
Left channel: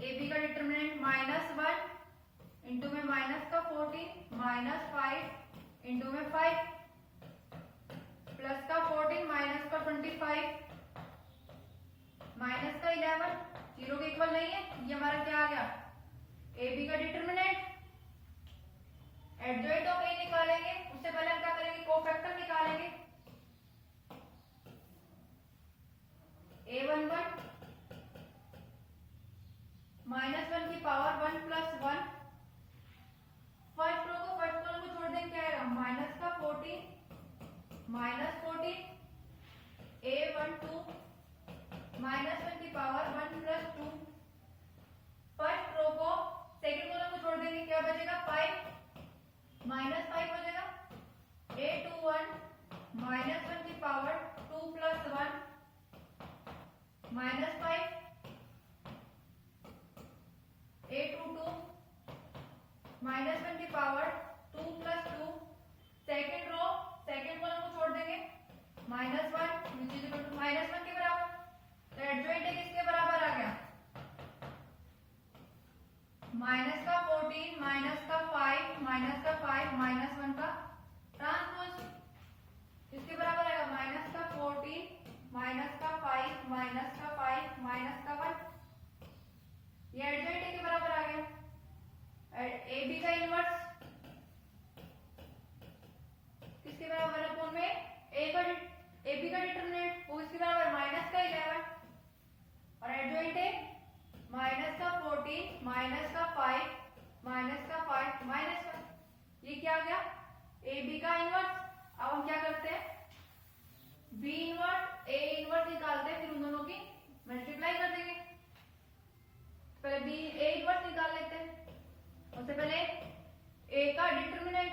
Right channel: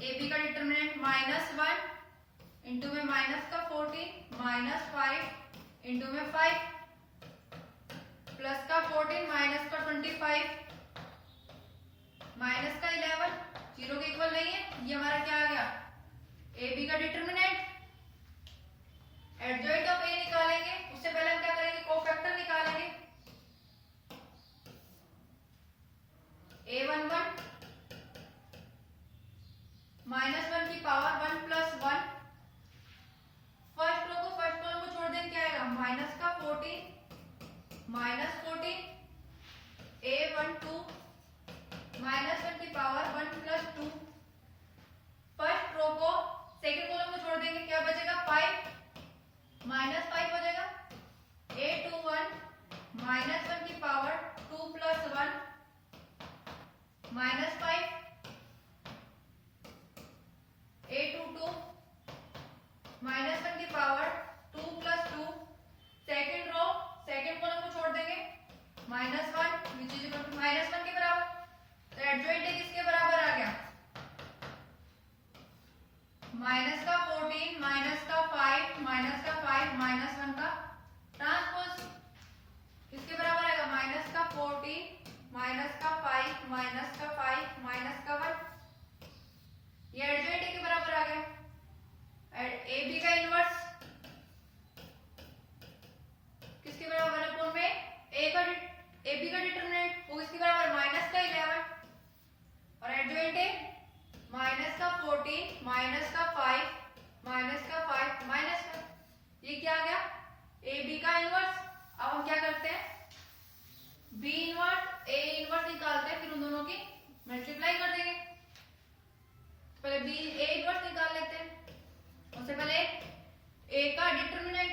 ए बी का डिटरमिनेंट -1 इंटू में माइनस का 14 माइनस 5 इंटू में 5 प्लस का 14 माइनस का 25 माइनस का 11, जीरो के इक्वल नहीं है, ये हमारा क्या आ गया ए बी का डिटरमिनेंट। एडजॉइंट ऑफ ए निकालेंगे, उससे पहले हम क्या करेंगे कोफैक्टर निकालेंगे, a11 माइनस 1 की पावर 1 प्लस 1, फर्स्ट रो को फर्स्ट कॉलम को छोड़ देंगे क्या आएगा माइनस का 14 माइनस 14, a12 माइनस 1 की पावर 1 प्लस 2, फर्स्ट रो को सेकंड कॉलम को छोड़ देंगे क्या बचेगा 5 माइनस 5 हो जाएगा, a21 माइनस 1 की power 2 plus 1 minus 5, a22 minus 1 की power 2 plus 2, second row second column को छोड़ देंगे -1 विच इज इक्वल टू -1 के बराबर। तो एडजॉइंट ए किसके बराबर आ गया माइनस का 14 माइनस का 5 माइनस का 5 माइनस 1 का ट्रांसपोज, किसके बराबर आएगा माइनस का 14 माइनस का 5 माइनस का 5 माइनस का 1, ये एडजॉइंट ए के बराबर आ गया। ए बी का इनवर्स किसके बराबर है अपॉन में ए बी का डिटरमिनेंट वो किसके बराबर माइनस का 11 और एडजॉइंट ए माइनस का 14 माइनस का 5 माइनस का 5 माइनस का, ये क्या आ गया ए बी का इनवर्स। अब हम क्या करते हैं बी इनवर्स ए इनवर्स निकालते हैं, फिर उन दोनों की मल्टीप्लाई कर देंगे। पहले बी ए इनवर्स निकाल लेते हैं, उससे पहले ए का डिटरमिनेंट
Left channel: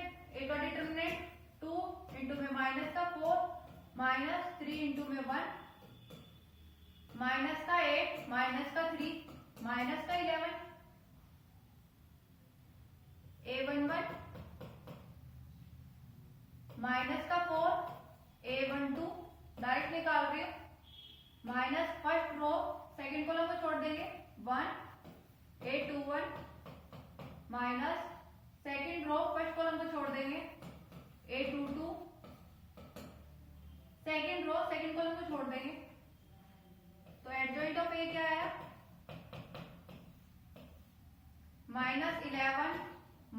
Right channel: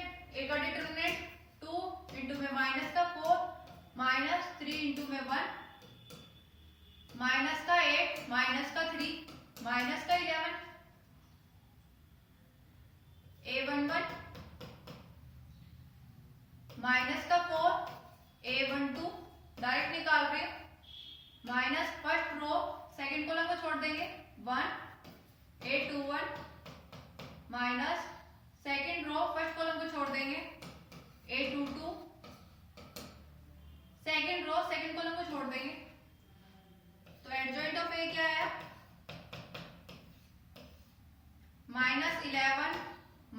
2 इंटू में माइनस का 4 माइनस 3 इंटू में 1 माइनस का 8 माइनस का 3 माइनस का 11, a11 माइनस का 4 a12 डायरेक्ट निकाल रहे हैं, minus first row second column को छोड़ देंगे 1 a21 minus second row first column को छोड़ देंगे a22 second row second column को छोड़ देंगे, तो एडजॉइंट ऑफ ए क्या है -11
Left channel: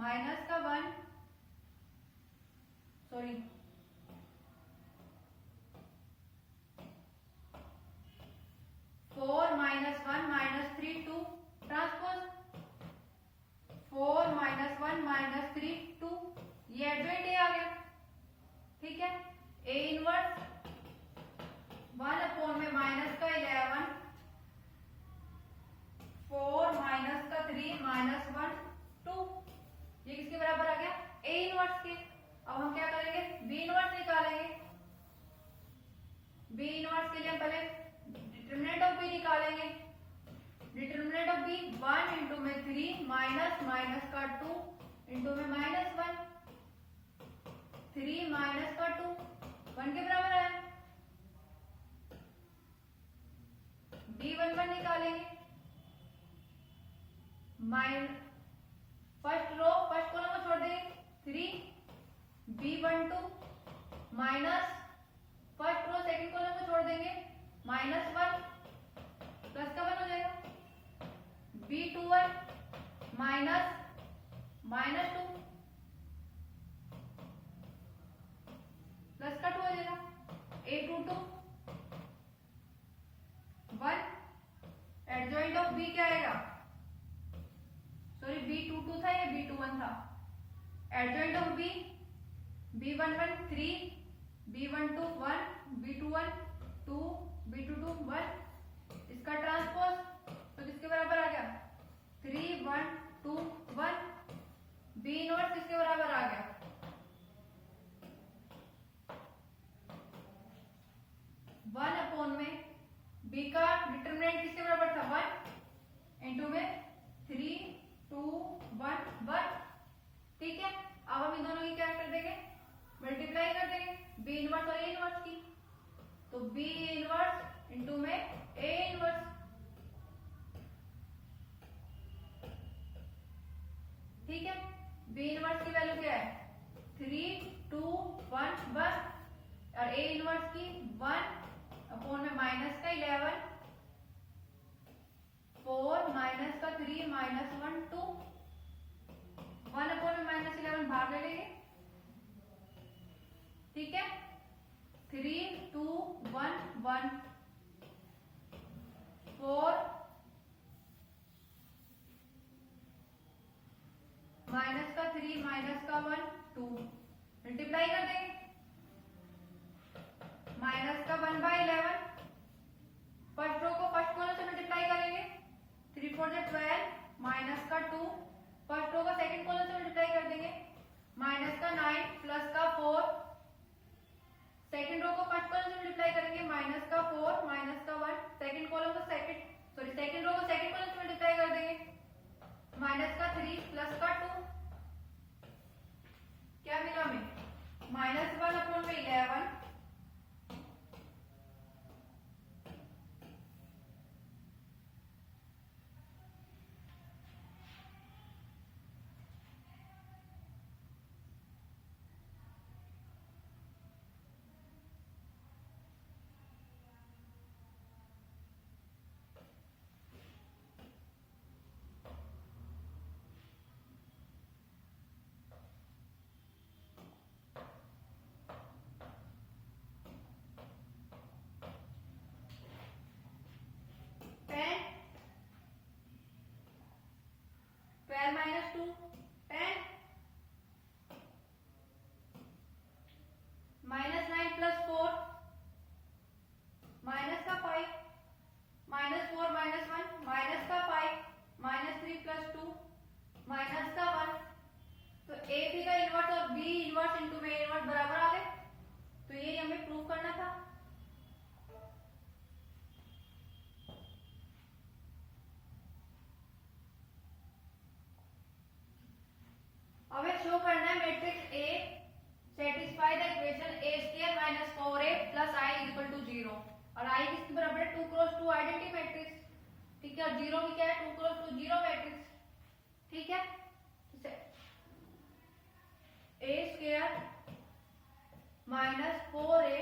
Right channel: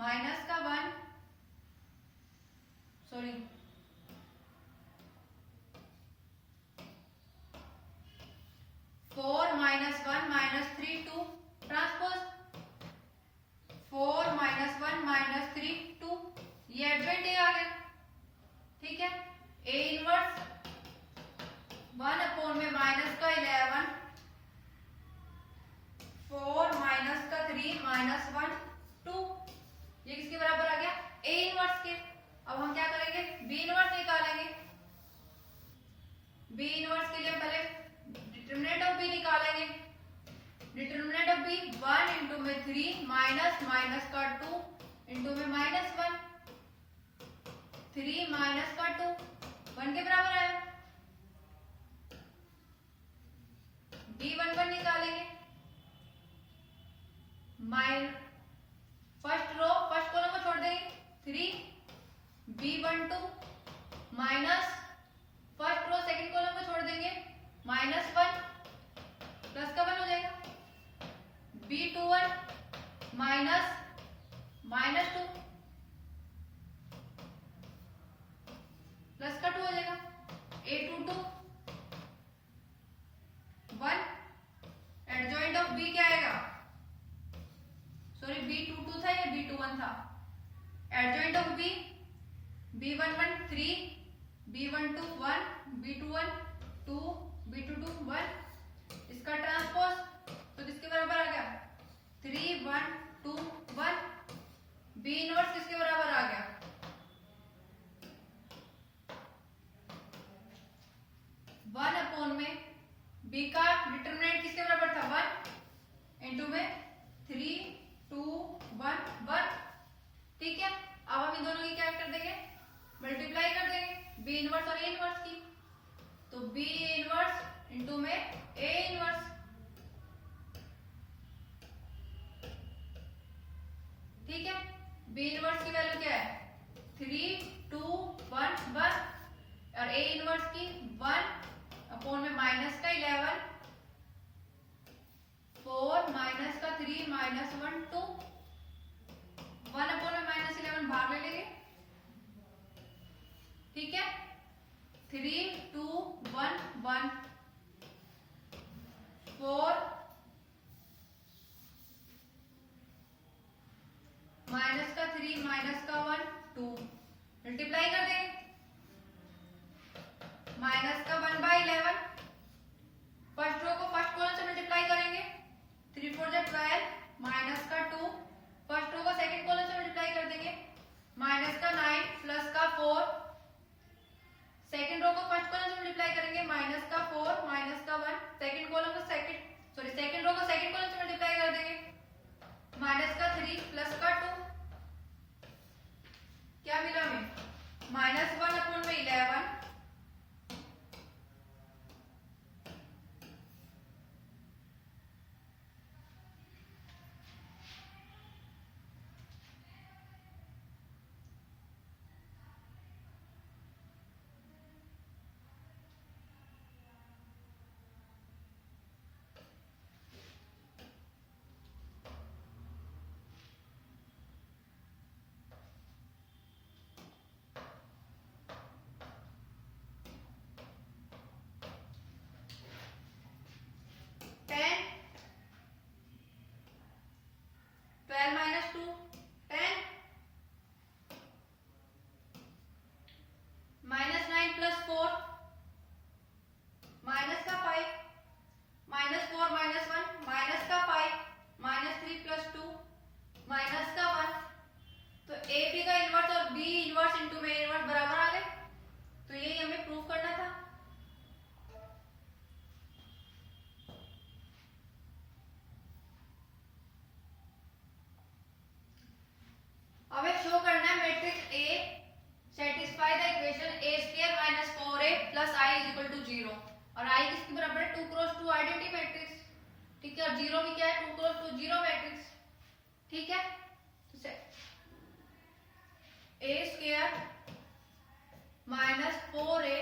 माइनस का 1 sorry 4 minus 1 minus 3 2 transpose 4 minus 1 minus 3 2, ये एडजॉइंट ए आ गया। ठीक है, ए इनवर्स 1 अपॉन में माइनस का 11 4 माइनस का 3 माइनस 1 2, ये किसके बराबर आ गया ए इनवर्स के। अब हम क्या बी इनवर्स के लिए पहले डिटरमिनेंट ऑफ बी निकालेंगे। डिटरमिनेंट ऑफ बी 1 इंटू में 3 माइनस माइनस का 2 इंटू में -1, 3 माइनस का 2 1 के बराबर है। बी 1 1 निकालेंगे। फर्स्ट रो फर्स्ट कॉलम को छोड़ देंगे 3 B12 minus first row second column को छोड़ देंगे -1 प्लस का 1 हो जाएगा। B21 माइनस -2 प्लस का 2 हो जाएगा। A22 1 एडजॉइंट ऑफ B क्या आएगा? सॉरी B22 था या B21 था? Adjoint of B B11 3 B12 1 B21 2 B22 1 इसका ट्रांसपोज तो किसके बराबर आ गया? 3 1 2 1 B इनवर्स किसके बराबर आ गया? 1 अपॉन में B का डिटरमिनेंट किसके बराबर था? 1 इंटू में 3 2 1 1। ठीक है, अब हम इन दोनों की क्या कर देंगे? मल्टीप्लाई कर देंगे बी इनवर्स और ए इनवर्स की। तो बी इनवर्स इंटू में ए इनवर्स। ठीक है, बी इनवर्स की वैल्यू क्या है? 3 2 1 1 और ए इनवर्स की 1 अपॉन में माइनस का 11 4 माइनस का 3 -1 2 1 अपॉन में -11 बाहर ले लेंगे। ठीक है, 3 2 1 1 4 माइनस का 3 माइनस का 1 2 मल्टीप्लाई कर देंगे। माइनस का 1/11 फर्स्ट रो को फर्स्ट कॉलम से मल्टीप्लाई करेंगे। 3 4 जा 12 माइनस का 2 फर्स्ट रो को सेकंड कॉलम से मल्टीप्लाई कर देंगे। माइनस का 9 प्लस का 4 सेकंड रो को फर्स्ट कॉलम से मल्टीप्लाई करेंगे। माइनस का 4 माइनस का 1 सेकंड कॉलम को सेकंड रो को सेकंड कॉलम से मल्टीप्लाई कर देंगे। माइनस का 3 प्लस का 2 क्या मिला हमें? -1 अपॉन में 11 10 12 minus 2 10 -9 plus 4 माइनस का 5 -4 -1 माइनस का 5 -3 plus 2 माइनस का 1। तो ए बी का इनवर्स और बी इनवर्स इंटू में इनवर्स बराबर आ गए। तो यही हमें प्रूव करना था। अब शो करना है matrix A satisfy the equation a square minus 4a plus i is equal to 0 और i किसके बराबर है? 2 क्रॉस 2 आइडेंटिटी मैट्रिक्स। ठीक है, और 0 भी क्या है? 2 क्रॉस 2 0 मैट्रिक्स। ठीक है, तो a square minus 4a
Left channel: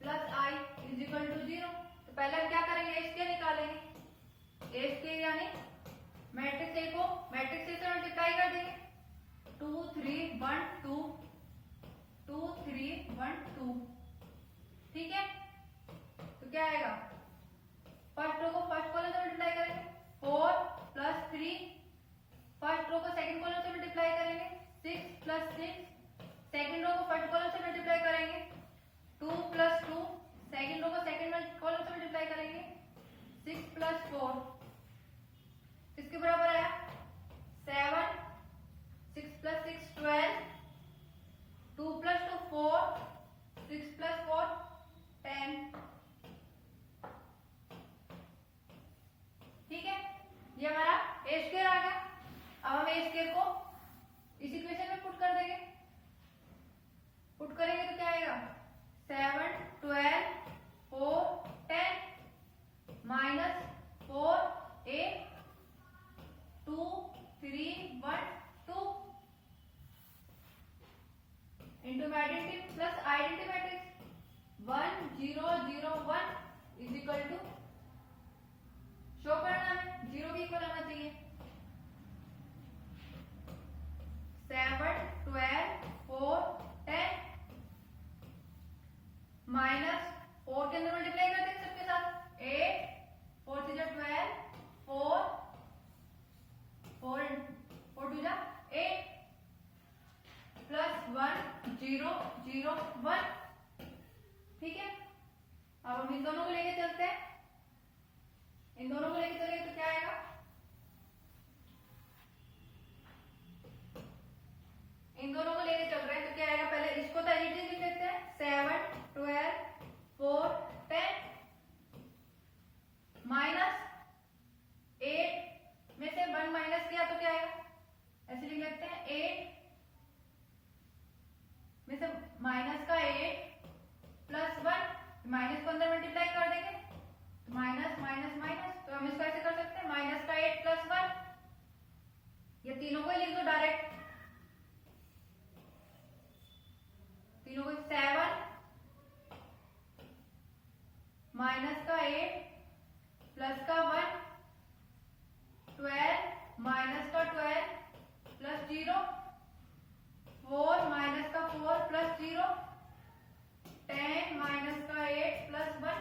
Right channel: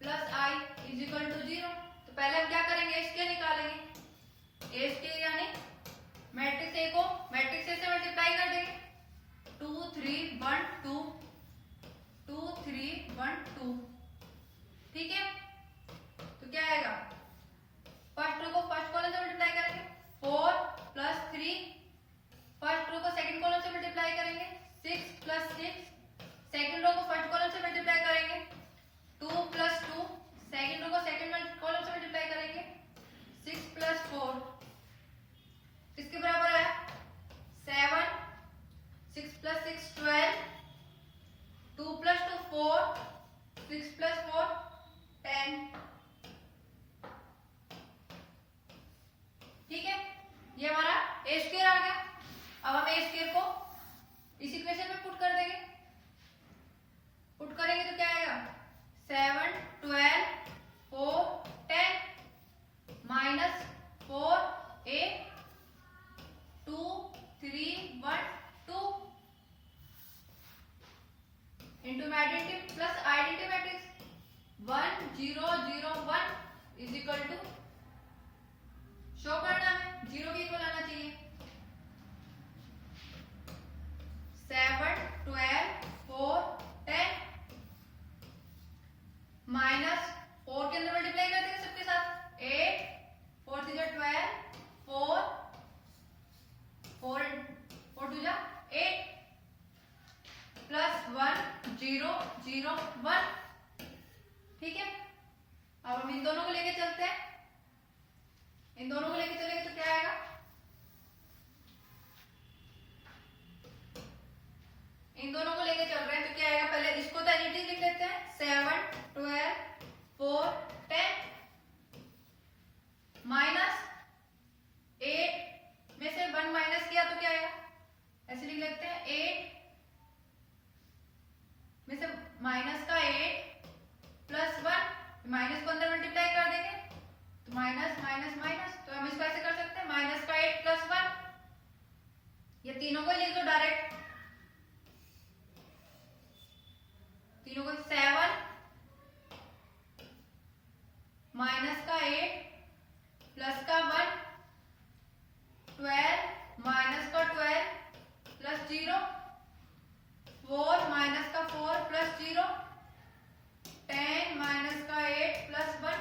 plus i is equal to 0। तो पहले हम क्या करेंगे? a स्क्वायर निकालेंगे। a स्क्वायर यानी मैट्रिक्स a को मैट्रिक्स a से मल्टीप्लाई कर देंगे। 2 3 1 2 2 3 1 2। ठीक है, तो क्या आएगा? फर्स्ट रो को फर्स्ट कॉलम से मल्टीप्लाई करेंगे। 4 प्लस 3 फर्स्ट रो को सेकंड कॉलम से मल्टीप्लाई करेंगे। 6 प्लस 6 सेकंड रो को फर्स्ट कॉलम से मल्टीप्लाई करेंगे। 2 प्लस 2 सेकंड रो को सेकंड कॉलम से मल्टीप्लाई करेंगे। 6 प्लस 4 किसके बराबर है? 7 6 plus 6 12 2 plus 2 4 6 plus 4 10 10। ठीक है, ये हमारा ए स्क्वायर आ गया। अब हम ए स्क्वायर को इस इक्वेशन में पुट कर देंगे। पुट करेंगे तो क्या आएगा 7 12 4 10 minus 4a 2 3 1 2 into identity plus identity matrix 1 0 0 1 is equal to show करना है 0 के इक्वल आना चाहिए 7 12 4 10 माइनस 4 के अंदर मल्टीप्लाई कर देंगे सबके साथ 8 4 3 12 4 4 4 2 8 प्लस 1 0 0 1। ठीक है, अब हम इन दोनों को लेके चलते हैं। इन दोनों को लेके चलेंगे तो क्या आएगा इन दोनों को लेके चल रहे हैं तो क्या आएगा पहले इसको तो एज इट इज लिख लेते हैं 7 12 4 10 माइनस 8 में से 1 माइनस किया तो क्या आएगा ऐसे लिख लेते हैं 8 में से माइनस का 8 प्लस 1 माइनस को अंदर मल्टीप्लाई कर देंगे तो माइनस माइनस माइनस तो हम इसको ऐसे कर सकते हैं माइनस का 8 प्लस 1 ये तीनों को लिख दो डायरेक्ट तीनों को 7 माइनस का 8 प्लस का 1 12 माइनस का 12 प्लस 0 4 माइनस का 4 प्लस 0 10 माइनस का 8 प्लस 1।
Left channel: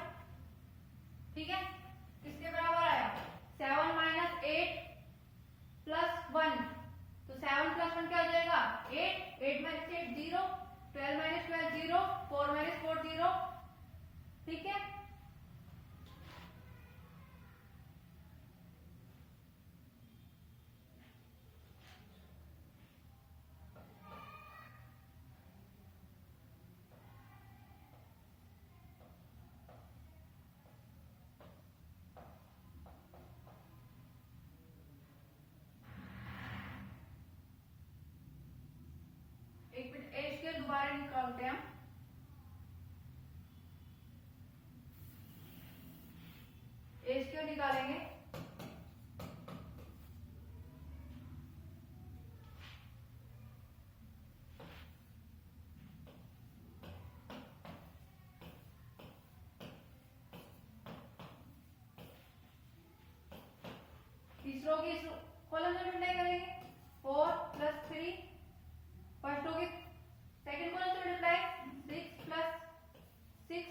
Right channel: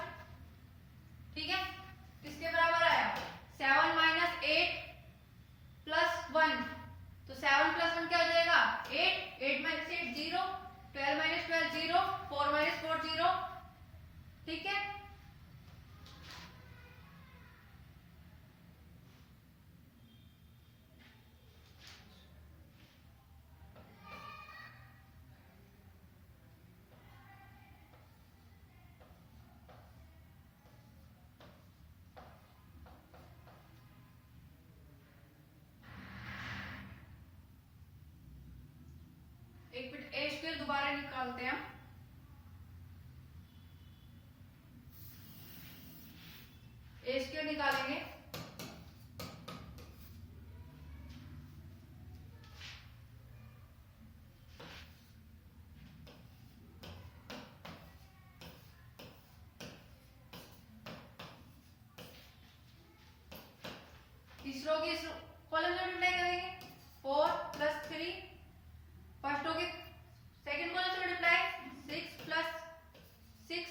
ठीक है, किसके बराबर आया 7 माइनस 8 प्लस 1 तो 7 प्लस 1 क्या हो जाएगा 8 8 माइनस 8 0 12 माइनस 12 0 4 माइनस 4 0। ठीक है, एक मिनट ए स्क्वायर दोबारा निकालते हैं। ए स्क्वायर निकालेंगे तीसरों की कॉलम में मल्टीप्लाई करेंगे 4 प्लस 3 फर्स्ट होगी सेकंड कॉलम से मल्टीप्लाई 6 प्लस 6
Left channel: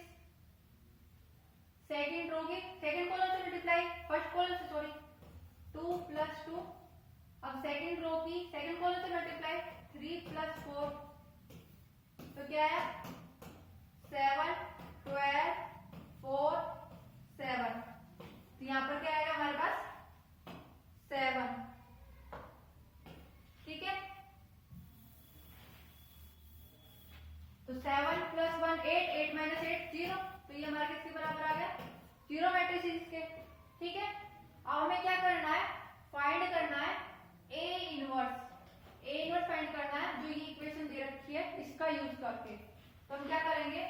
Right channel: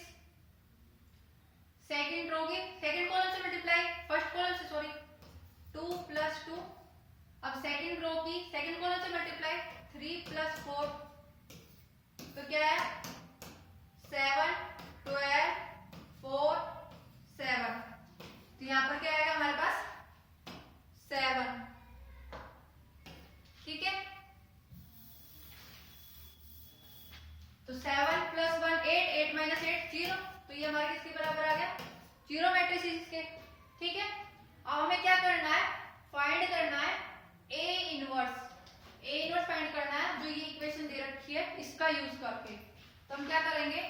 सेकंड रो की सेकंड कॉलम से मल्टीप्लाई फर्स्ट कॉलम से सॉरी 2 प्लस 2 अब सेकंड रो की सेकंड कॉलम से मल्टीप्लाई 3 प्लस 4 तो क्या है 7 12 4 7 तो यहां पर क्या आएगा हमारे पास 7। ठीक है, तो 7 प्लस 1 8 8 माइनस 8 0 तो ये हमारे किसके बराबर आ गया 0 मैट्रिक्स इसके। ठीक है, अब हमें क्या करना है फाइंड करना है ए इनवर्स फाइंड करना है जो ये इक्वेशन दे रखी है इसका यूज करके। तो हम क्या करेंगे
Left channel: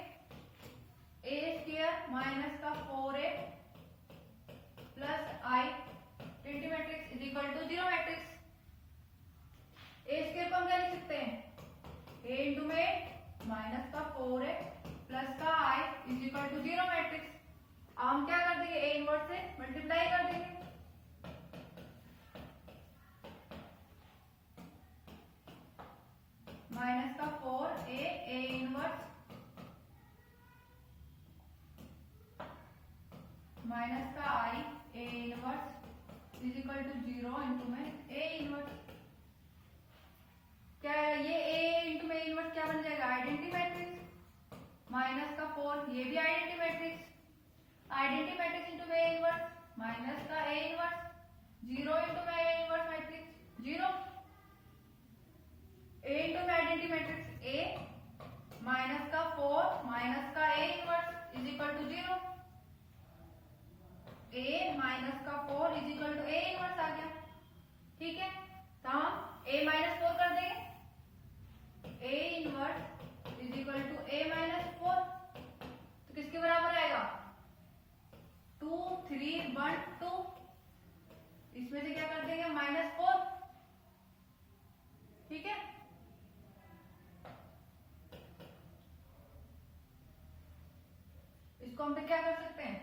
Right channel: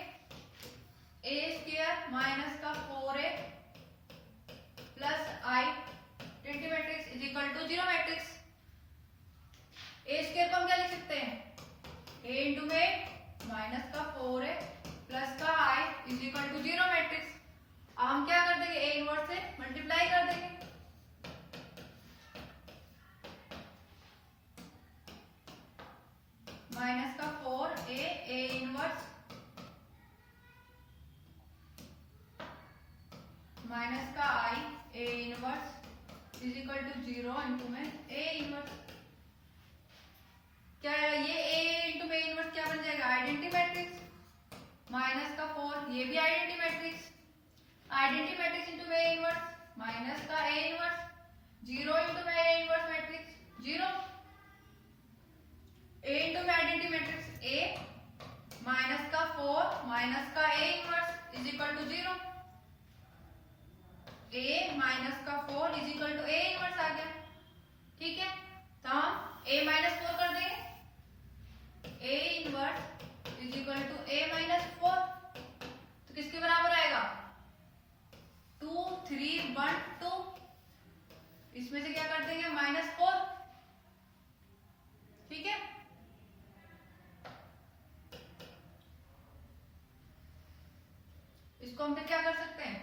ए स्क्वायर माइनस का 4a plus I identity matrix is equal to 0 matrix. A square को हम क्या लिख सकते हैं ए इंटू में माइनस का 4a प्लस का I is equal to 0 matrix. अब हम क्या कर देंगे ए इनवर्स से मल्टीप्लाई कर देंगे माइनस का 4a ए इनवर्स माइनस का I A inverse is equal to 0 into में ए इनवर्स। क्या है ये ए इंटू में इनवर्स क्या बन जाएगा आइडेंटिटी मैट्रिक्स माइनस का 4 ये भी आइडेंटिटी मैट्रिक्स इंटू में ए इनवर्स माइनस का ए इनवर्स 0 इंटू में A inverse matrix 0 A into में आइडेंटिटी मैट्रिक्स ए माइनस का 4 माइनस का A inverse is equal to to 0, a minus का 4 is equal to a inverse आ गया। ठीक है, तो हम a माइनस 4 कर देंगे, a inverse is equal to a minus 4, तो किसके बराबर आएगा 2 3 1 2, इसमें से क्या कर देंगे -4। ठीक है, इसको हम फिर क्या कर सकते हैं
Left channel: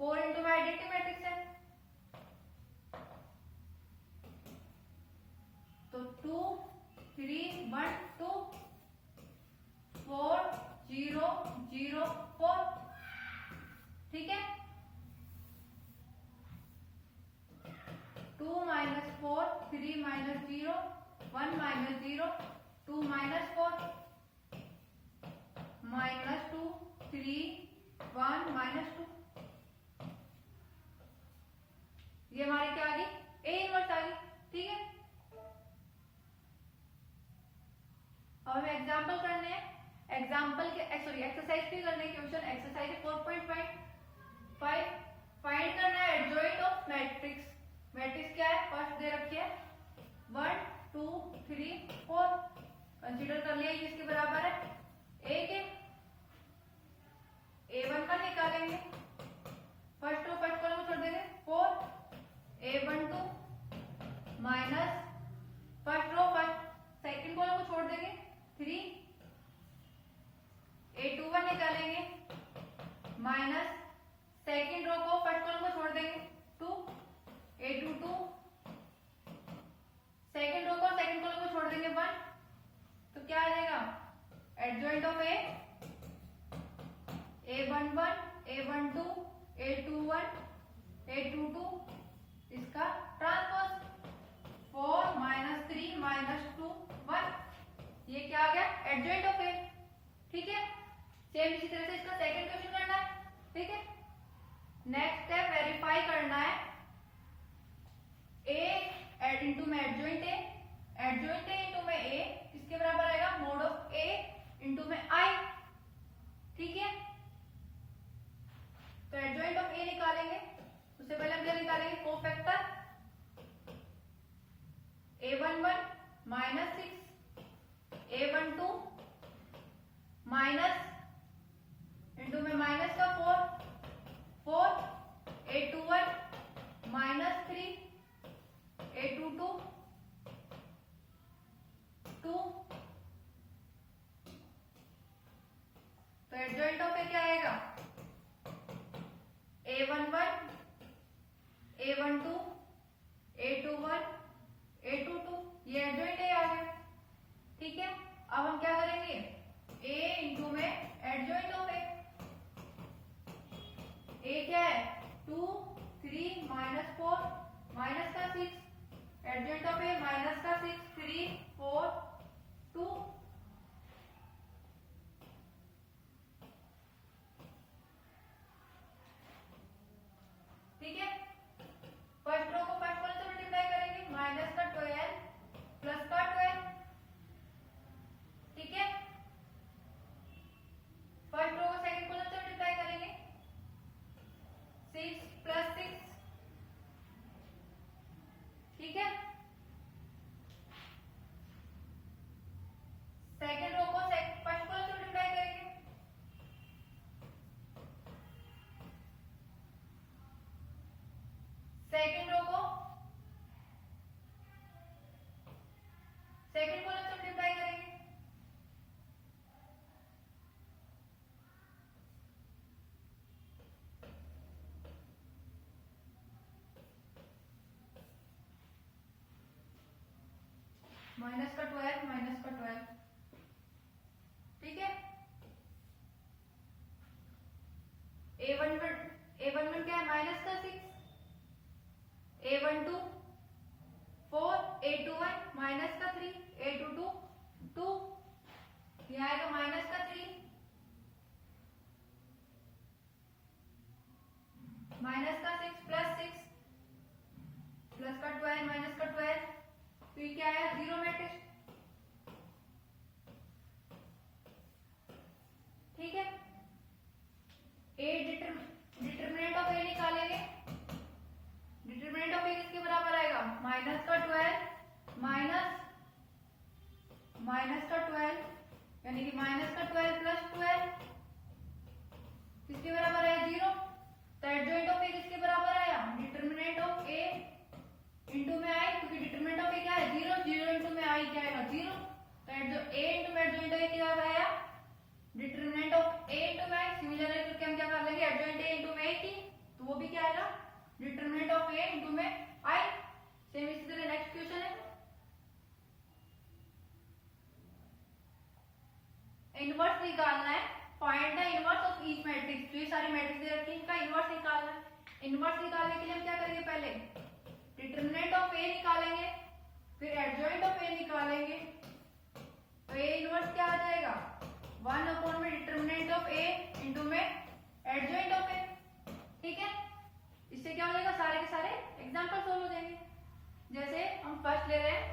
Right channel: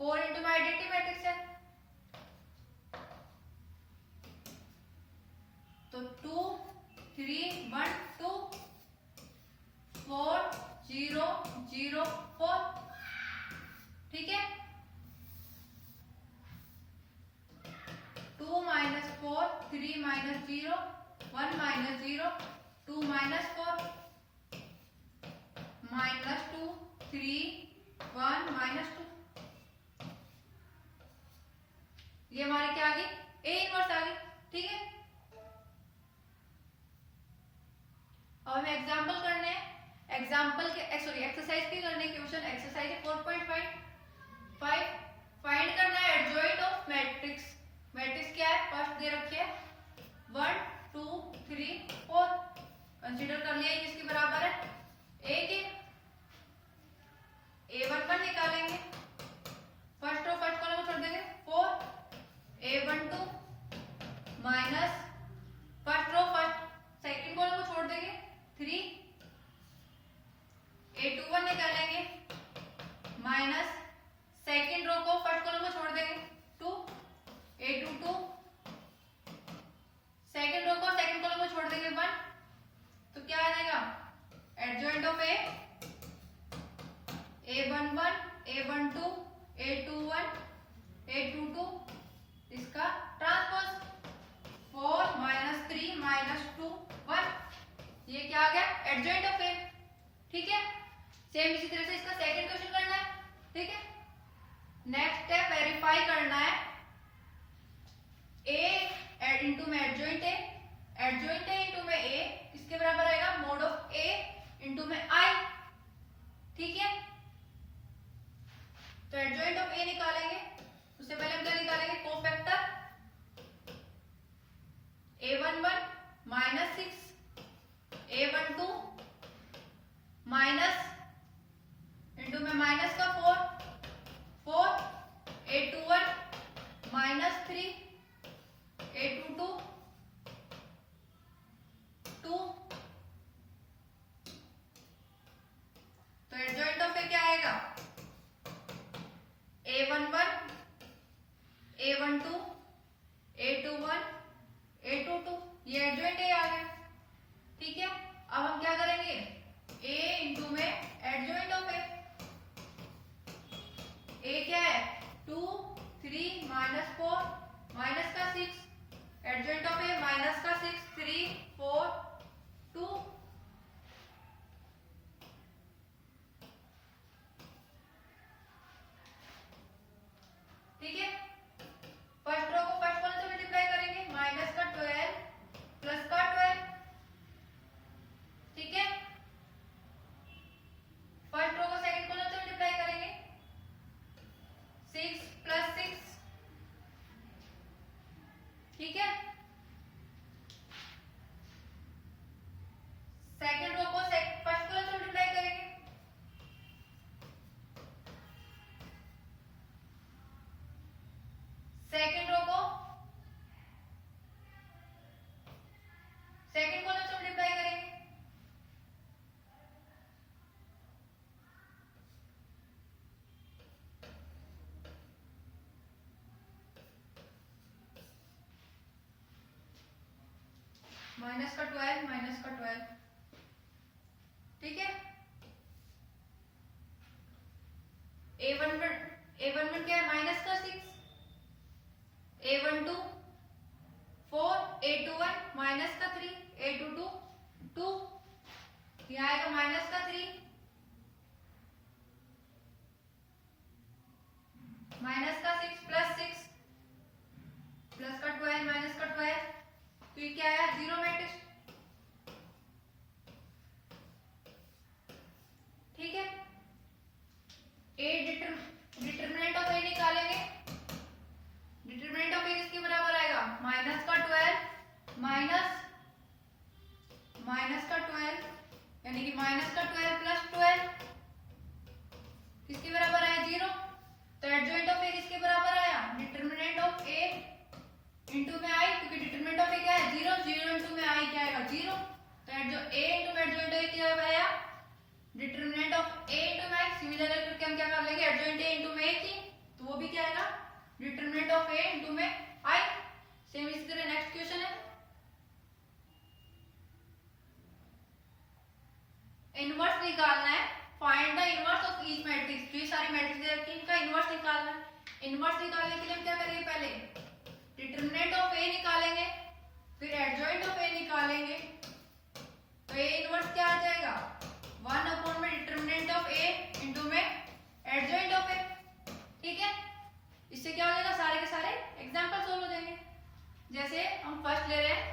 4 इंटू में आइडेंटिटी मैट्रिक्स है, तो 2 3 1 2 4 0 0 4। ठीक है, 2 minus 4 3 minus 0 1 minus 0 2 minus 4 minus 2 3 1 minus 2, ये हमारी क्या आ गई a इनवर्स आ गई। ठीक है, अब हमें एग्जांपल करने हैं, एग्जांपल के सॉरी एक्सरसाइज के करने के क्वेश्चन एक्सरसाइज 4.5 फाइंड करना है एडजॉइंट ऑफ मैट्रिक्स। मैट्रिक्स क्या है फर्स्ट दे रखी है 1 2 3 4, कंसीडर कर लिया किसके बराबर है a के, a11 निकालेंगे, फर्स्ट रो फर्स्ट कॉलम छोड़ देंगे 4 a12 minus first row first second column को छोड़ देंगे 3 a21 निकालेंगे माइनस सेकंड रो को फर्स्ट कॉलम को छोड़ देंगे 2 a22 सेकंड रो को सेकंड कॉलम को छोड़ देंगे 1, तो क्या आ जाएगा adjoint of a11 a12 a21 a22 इसका ट्रांसपोज 4 माइनस 3 माइनस 2 1, ये क्या आ गया एडजॉइंट ऑफ a। ठीक है, सेम इसी तरह से इसका सेकंड क्वेश्चन करना है। ठीक है, नेक्स्ट स्टेप वेरीफाई करना है a इनटू में एडजॉइंट a इनटू में a किसके बराबर आएगा मोड ऑफ a इनटू में i। ठीक है, तो एडजॉइंट ऑफ a निकालेंगे, उससे पहले हम क्या निकालेंगे cofactor a11 minus 6 a12 minus into में माइनस का 4 a21 माइनस 3 a22 2, तो एडजॉइंट ऑफ a क्या आएगा a11 a12 a21 a22, ये एडजॉइंट a आ गया। ठीक है, अब हम क्या करेंगे a इंटू में एडजॉइंट ऑफ a क्या है 2 3 माइनस 4 माइनस का 6, एडजॉइंट ऑफ a माइनस का 6 3 4 2। ठीक है, फर्स्ट रो को फर्स्ट कॉलम से मल्टीप्लाई करेंगे माइनस का 12 प्लस का 12। ठीक है, फर्स्ट रो को सेकंड कॉलम से मल्टीप्लाई करेंगे 6 प्लस 6। ठीक है, सेकंड रो को फर्स्ट कॉलम से मल्टीप्लाई करेंगे सेकंड रो को सेकंड कॉलम से मल्टीप्लाई करेंगे माइनस का 12 माइनस का 12। ठीक है, a11 क्या है माइनस का 6 a12 4 a21 माइनस का 3 a22 2, यहाँ आएगा माइनस का 3 माइनस का 6 प्लस 6 प्लस का 12 माइनस का 12, तो ये क्या आया zero matrix. A determinant of A निकालेंगे, डिटरमिनेंट ऑफ ए किसके बराबर आएगा, माइनस का 12 माइनस का 12 यानी कि माइनस का 12 प्लस 12 किसके बराबर है 0। तो एडजॉइंट ऑफ ए किसके बराबर आया, डिटरमिनेंट ऑफ ए इंटू में आई, क्योंकि डिटरमिनेंट ऑफ ए क्या है 0, 0 इंटू में आई क्या आएगा 0। तो ए इंटू एडजॉइंट ए क्या आया, डिटरमिनेंट ऑफ ए इंटू में आई। सिमिलर है करके हम क्या कर लेंगे, एडजॉइंट ए इंटू में की, तो वो भी क्या आएगा डिटरमिनेंट ऑफ ए इंटू में आई। सेम इसी तरह नेक्स्ट क्वेश्चन है, इनवर्स निकालना है, find the inverse of each matrix. जो ये सारी मैट्रिक्स दे रखी है इनका इनवर्स निकालना है। इनवर्स निकालने के लिए हम क्या करेंगे, पहले डिटरमिनेंट ऑफ ए निकालेंगे, फिर एडजॉइंट ऑफ ए निकालेंगे। तो ए इनवर्स क्या आ जाएगा, 1 अपॉन में डिटरमिनेंट ऑफ ए इंटू में एडजॉइंट ऑफ ए। ठीक है, इससे क्या हो जाएगा, सारे के सारे एग्जांपल सोल्व हो जाएंगे। जैसे हम फर्स्ट ले रहे हैं,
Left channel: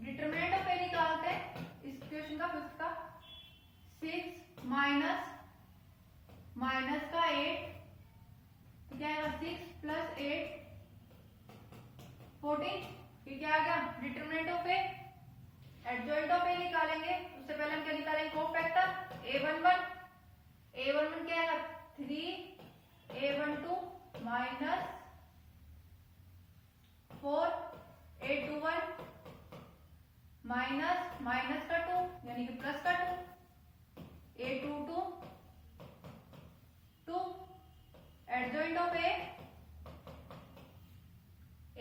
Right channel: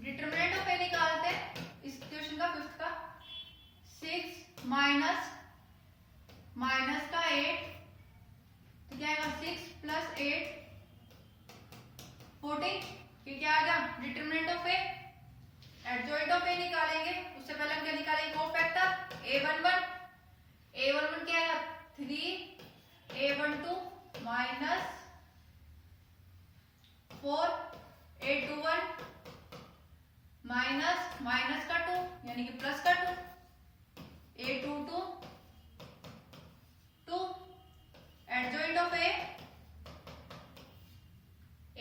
डिटरमिनेंट ऑफ ए निकालते हैं इस क्वेश्चन का, फिफ्थ का, 6 माइनस का 8, तो क्या आएगा 6 प्लस 8 14। ये क्या आ गया determinant of A. Adjoint of A निकालेंगे, उससे पहले हम क्या निकालेंगे, कोफैक्टर a11 क्या है 3 a12 माइनस 4 a21 माइनस का 2 यानी कि प्लस का 2 a22 2। Adjoint of A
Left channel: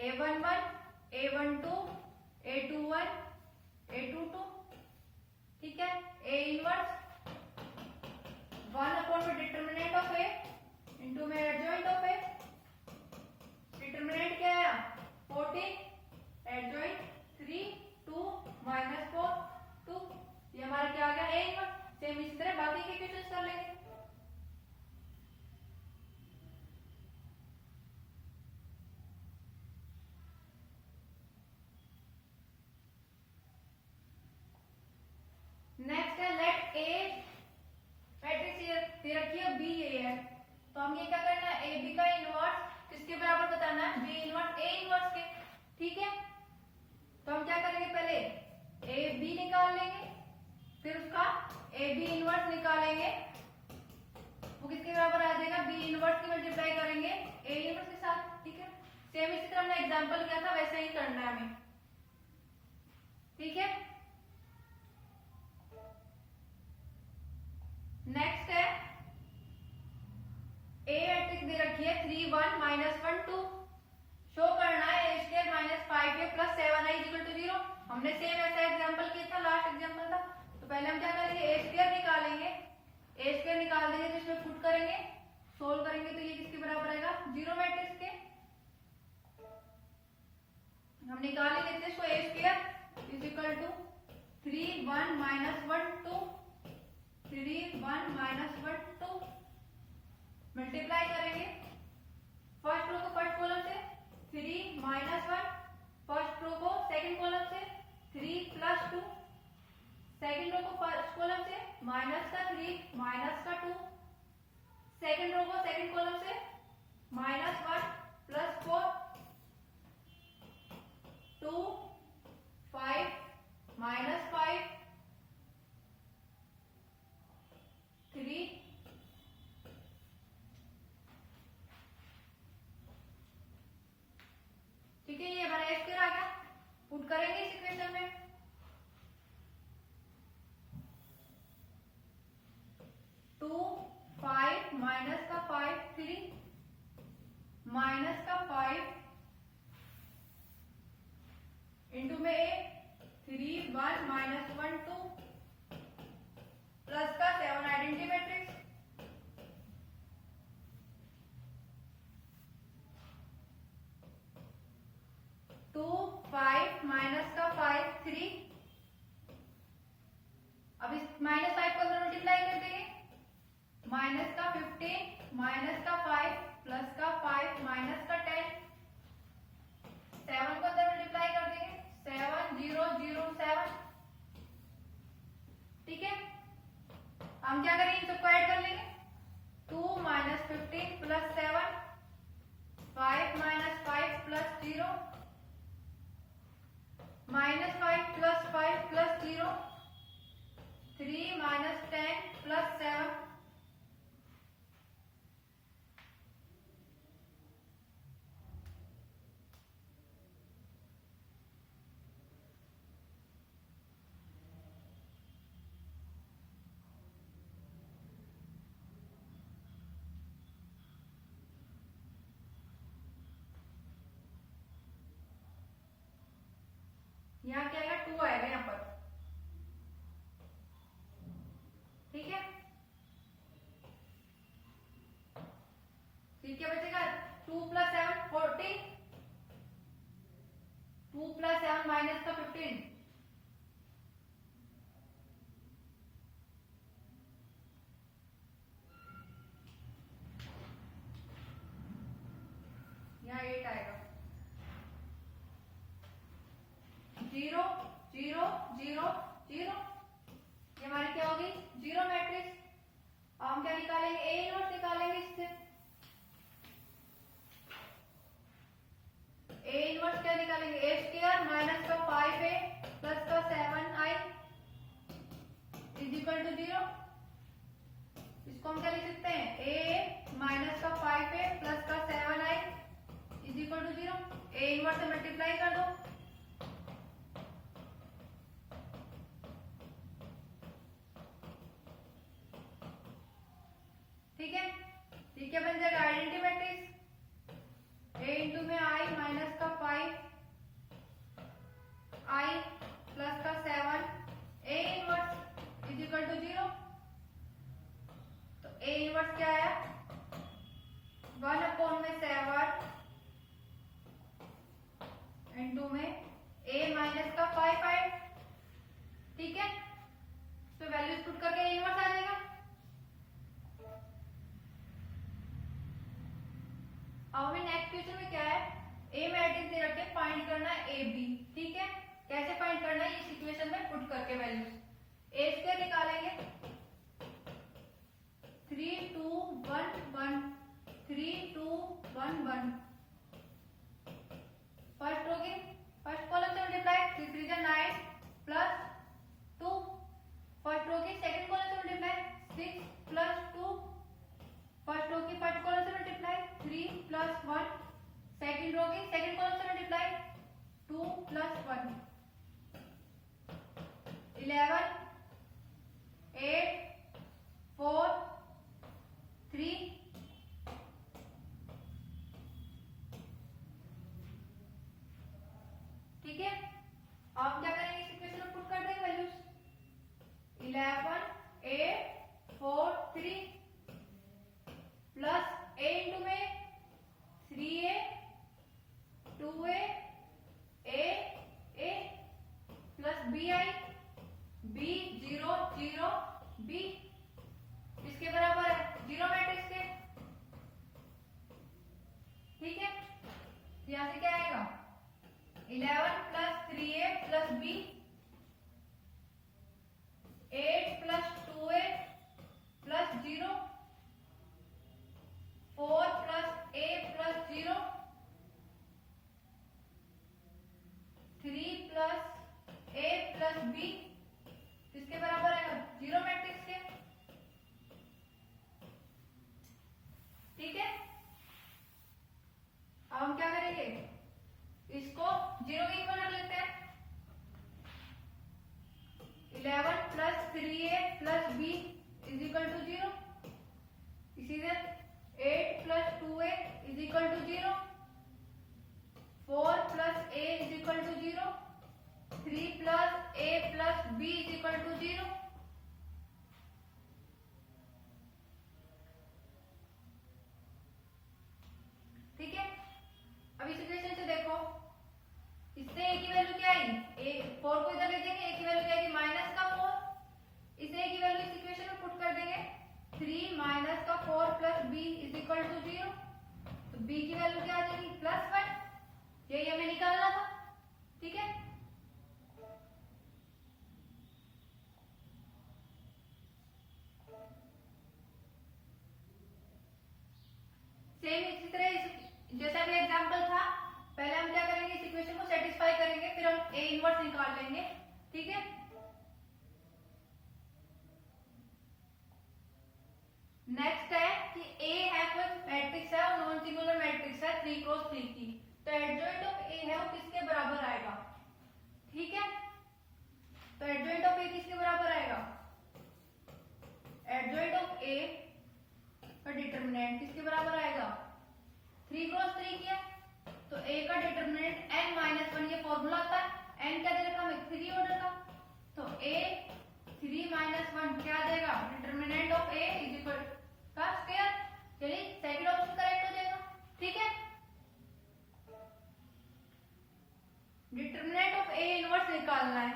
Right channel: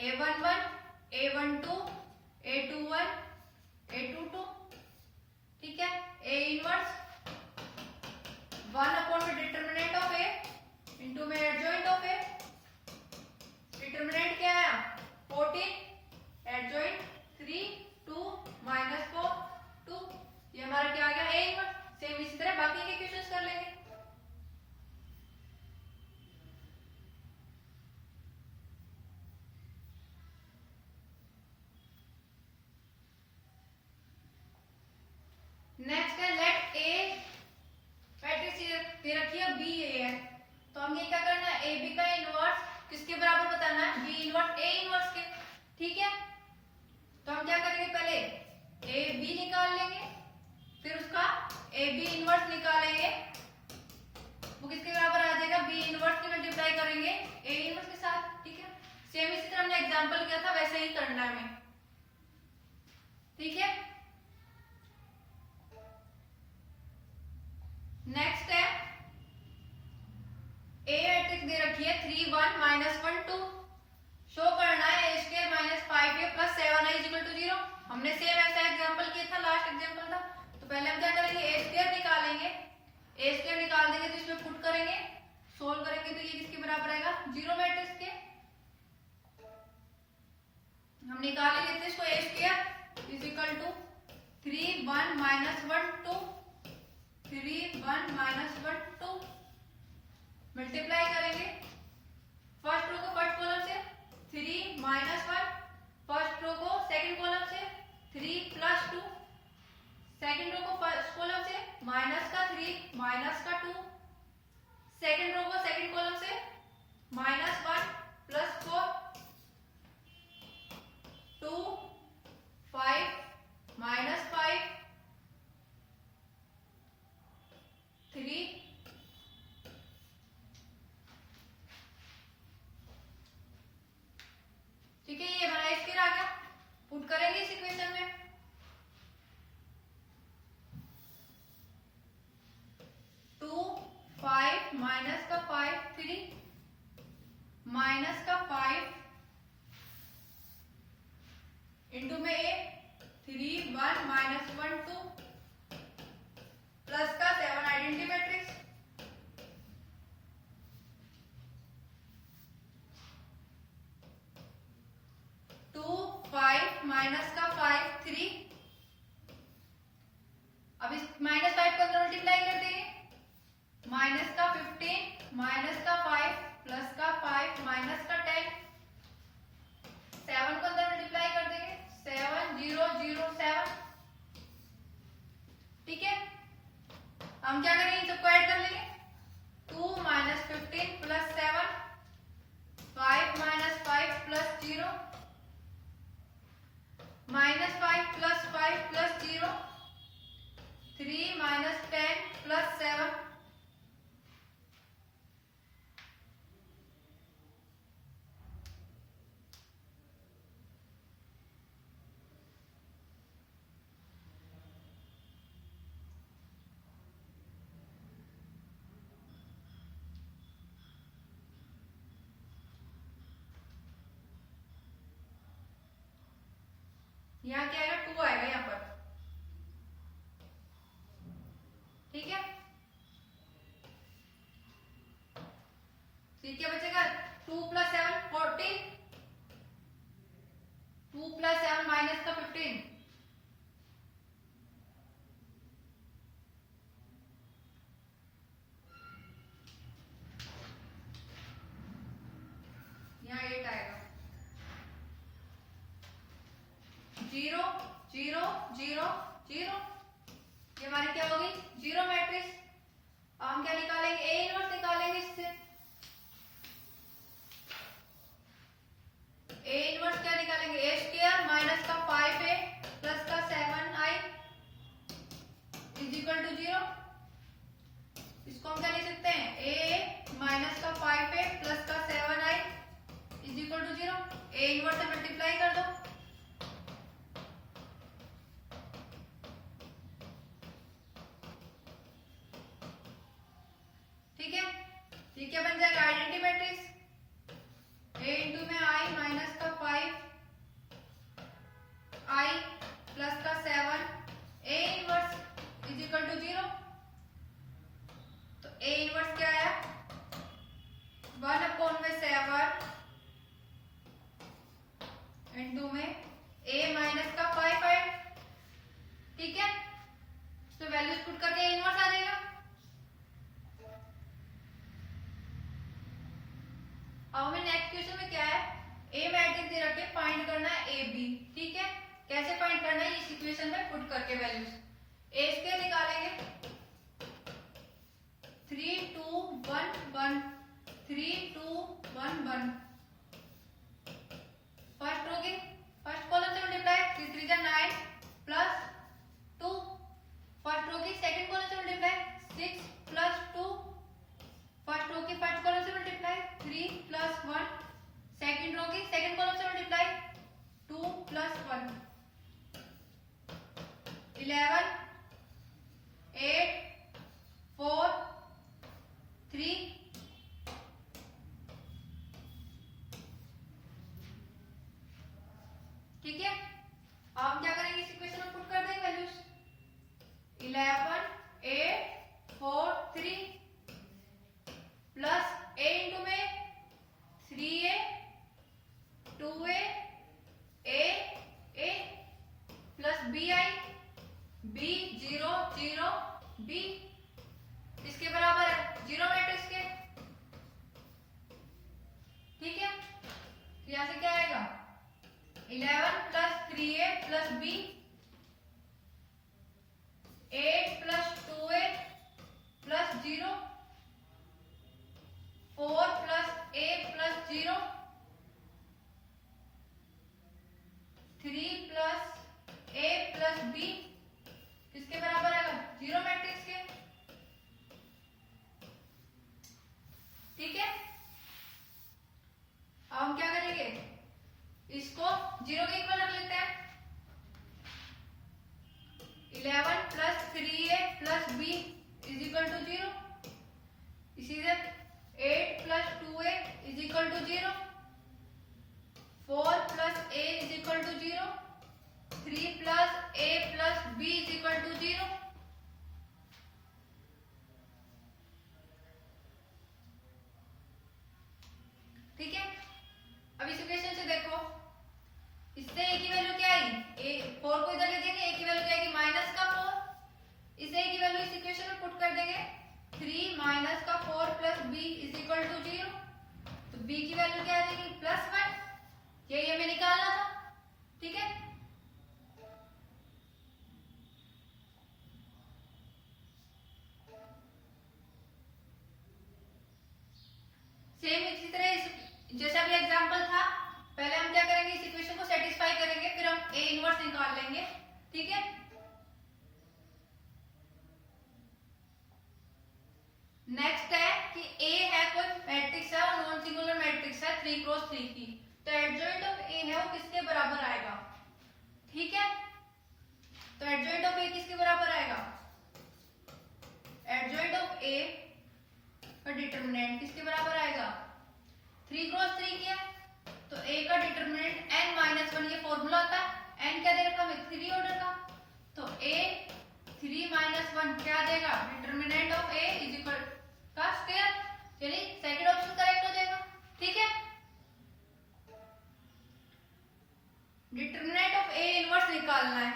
a11 a12 a21 a22। ठीक है, ए इनवर्स 1 अपॉन में डिटरमिनेंट ऑफ ए इंटू में एडजॉइंट ऑफ ए। डिटरमिनेंट क्या है 14, एडजॉइंट 3 2 माइनस 4 2। ये हमारा क्या आ गया ए इनवर्स। सेम इसी तरह बाकी के क्वेश्चंस कर लेंगे। नेक्स्ट है लेट ए मैट्रिक्स दे रखी है बी ए है, तो हमें क्या करना है, ए बी का इनवर्स किसके बराबर बताना है, बी इनवर्स ए इनवर्स के। ठीक है, तो हम क्या करेंगे, पहले ए बी निकाल लेंगे, फिर उसका ए बी इनवर्स निकालेंगे, वो किसके बराबर आ जाएगा, बी इनवर्स की मल्टीप्लाई करेंगे ए इनवर्स के साथ। ठीक है, सेम इसी तरह हमने एग्जांपल किया था वैसे ही करना है हमें। ठीक है, नेक्स्ट है ए मैट्रिक्स दे रखी है 3 1 माइनस 1 2। शो करना है A square minus 5a plus 7i equal to 0। हमने सेम ऐसा एग्जांपल किया था, लास्ट एग्जांपल था। तो पहले हम क्या करेंगे, ए स्क्वायर निकालेंगे, ए स्क्वायर निकाल देंगे तो इसमें पुट करेंगे, सोल्व करेंगे तो ये किसके बराबर आएगा 0 मैट्रिक्स के। हम निकाल लेते हैं इसको, A square is equal to 3 1 minus 1 2 3 1 minus 1 2। Multiply करेंगे फर्स्ट रो को फर्स्ट कॉलम से, 3 माइनस 1, फर्स्ट रो को सेकंड कॉलम से 3 प्लस 2, सेकंड रो को फर्स्ट कॉलम से माइनस का 3 माइनस का 2, सेकंड रो को सेकंड कॉलम से माइनस 1 प्लस 4 2 5 माइनस 5 3। ठीक है, ये हमारा स्क्वायर आ गया, पुट करेंगे इस इक्वेशन में। 2 5 माइनस का 5 3 माइनस का 5 इंटू में ए 3 1 माइनस 1 2 प्लस का 7 आइडेंटिटी मैट्रिक्स। टू 5 माइनस का 5 3। अब इस माइनस 5 को अंदर मल्टीप्लाई कर देंगे, माइनस का 15 माइनस का 5 प्लस का 5 माइनस का 10। 7 को अंदर मल्टीप्लाई कर देंगे, 7 0 0 7। ठीक है, हम क्या करेंगे, इन सबको 5 प्लस 0, 3 माइनस 10 प्लस 7, यहाँ क्या आएगा 2 आएगा यहाँ पर, ठीक है। फिर क्या बचेगा 2 प्लस 7 14, 2 प्लस 7 माइनस का 15, यहाँ 8 आएगा। 0 0 0 0, ये हमारी क्या होगी जीरो मैट्रिक्स। अब हम क्या निकालेंगे, ए इनवर्स निकालेंगे इससे। ए इनवर्स क्या निकालेंगे, ए स्क्वायर माइनस का 5a प्लस का 7i इज इक्वल टू 0। इसको हम क्या लिख सकते हैं, a माइनस का 5a प्लस का 7i is equal to 0। A inverse से मल्टीप्लाई कर दो, ठीक है। ये क्या बन जाएगा, आइडेंटिटी मैट्रिक्स। ए इंटू में आई माइनस का 5 आई प्लस का 7 A inverse is equal to 0। तो ए इनवर्स क्या है 1/7 इंटू में ए माइनस का 5 है, ठीक है। तो वैल्यूज पुट करके ए इनवर्स आ जाएगा। अब हमें नेक्स्ट क्वेश्चन में क्या है, ए मैट्रिक्स दे रखे, फाइंड करना है ए बी, ठीक है। कैसे फाइंड करना है, इस इक्वेशन में पुट करके वैल्यूज। ए स्क्वायर निकालेंगे 3 2 1 1 3 2 1 1। फर्स्ट रो के फर्स्ट कॉलम से मल्टीप्लाई, 3 3 जा 9 प्लस 2। फर्स्ट रो की सेकंड कॉलम से मल्टीप्लाई 6 प्लस 2। फर्स्ट रो की फर्स्ट कॉलम से मल्टीप्लाई 3 प्लस 1। सेकंड रो की सेकंड कॉलम से मल्टीप्लाई 2 प्लस 1। 11 8 4 3। ठीक है। अब हम क्या करेंगे, इस इक्वेशन में पुट कर देंगे वैल्यूज। 11 8 4 3 प्लस a इंटू में 3a 2a a plus bi b 0 0 b इसके बराबर है जीरो मैट्रिक्स के, ठीक है। तो यहां से क्या आएगा 11 plus 3a plus b 8 plus 2a plus 0 4 plus a plus 0 3 plus a plus b किसके बराबर आएगा, जीरो मैट्रिक्स के, ठीक है। अब हम क्या करेंगे, इसको जीरो के इक्वल रख लेते हैं। 11 plus 3a plus b is equal to 0। इसी से 8 plus 2a is equal to 0। 4 plus a is equal to 0। 3 plus a plus b is equal to 0। ठीक है। अब इस इक्वेशन से देखो, इससे a की वैल्यू क्या आई, a 4 को इधर ले जाएंगे, a की वैल्यू क्या आएगी माइनस का 4। इस a की वैल्यू इस इक्वेशन में पुट कर देंगे, 3 माइनस का 4 plus b is equal to 0। तो b की वैल्यू क्या आ जाएगी प्लस 1। यही हमें निकालना था, ठीक है। सेम इसी तरह जैसा भी एग्जांपल था, पहले हम क्या करेंगे, इस इक्वेशन को सेटिस्फाई करेंगे, फिर हम ए इनवर्स निकाल लेंगे, ठीक है। नेक्स्ट है कि ए है कोई मैट्रिक्स है और नॉन सिंगुलर मैट्रिक्स है 3 क्रॉस 3 की, तो एडजॉइंट ऑफ ए है वो किसके बराबर आएगा, ठीक है। तो एडजॉइंट ऑफ ए किसके बराबर आएगा, एडजॉइंट ऑफ ए का डिटरमिनेंट किसके बराबर आएगा, 3 क्रॉस 3 की है तो ए का डिटरमिनेंट n-1, ये फॉर्मूला होता है। n क्या दे रखा हमें, 3 ऑर्डर का, तो a 3-1 क्या देगा, determinant of a is equal का स्क्वायर, यानी सेकंड ऑप्शन करेक्ट हो जाएगा, ठीक है। डिटरमिनेंट ऑफ a इनवर्स निकालना है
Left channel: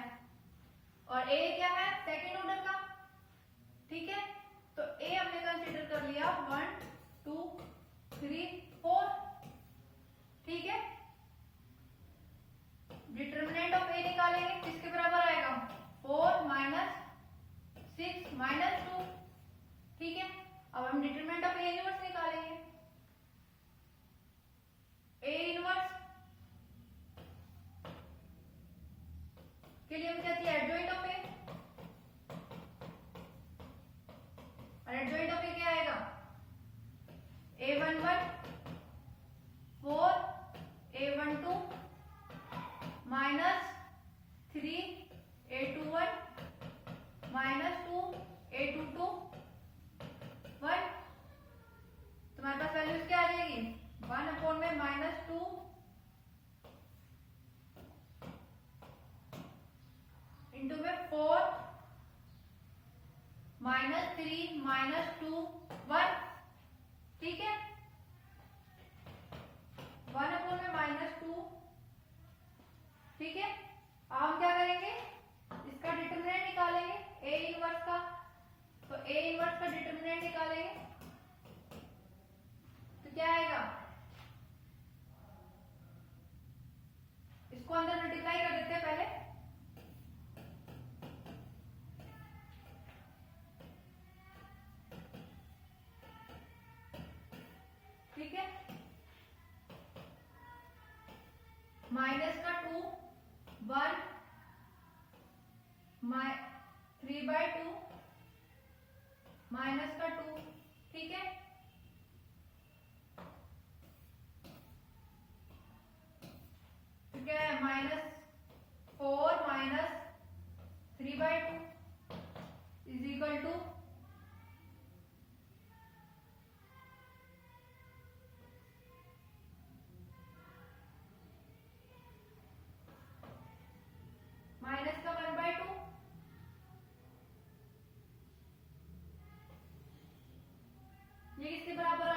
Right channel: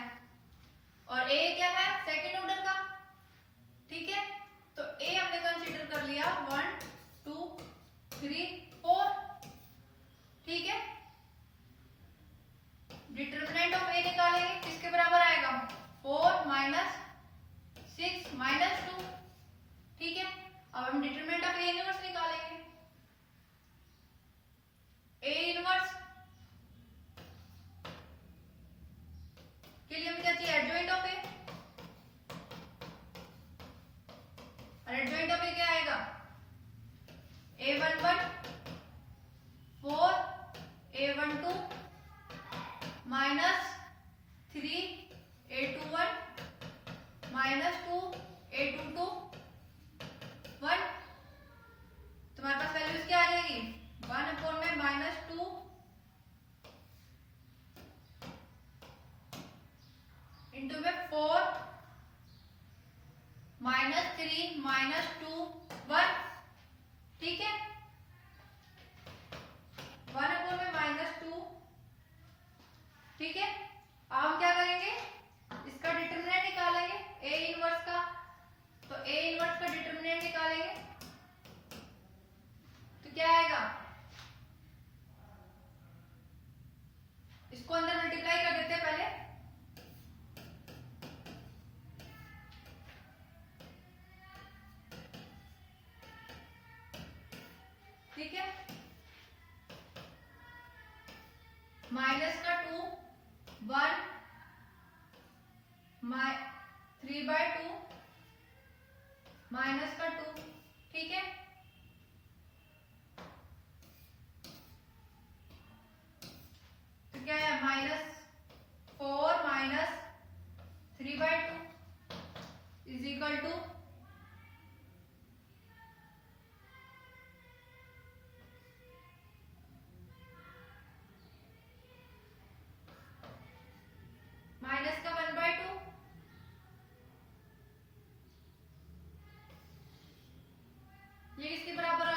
और a क्या है, सेकंड ऑर्डर का, ठीक है। तो a हमने कंसीडर कर लिया 1 2 3 4, ठीक है। डिटरमिनेंट ऑफ a निकालेंगे किसके बराबर आएगा, 4 - 6 - 2, ठीक है। अब हम डिटरमिनेंट ऑफ a इनवर्स निकालेंगे, a इनवर्स के लिए हम क्या चाहिए, एडजॉइंट ऑफ a, और एडजॉइंट ऑफ a क्या आएगा, a11 4 a12 -3 a21 -2 a22 1, तुम्हारे पास वैल्यूज क्या आ जाएगी, 1/-2 इंटू में 4 -3 -2 1, ठीक है। 1/-2, ठीक है। अब हम क्या करेंगे, इसका डिटरमिनेंट निकालेंगे a इनवर्स का, तो a इनवर्स का डिटरमिनेंट निकालेंगे तो क्या आएगा, इसको अंदर मल्टीप्लाई कर देते हैं पहले, ठीक है। माइनस का 2 1 3/2 माइनस का 2, ठीक है। तो क्या है, -4 -3/2 इज इक्वल टू माइनस का 1/2, ये किसके बराबर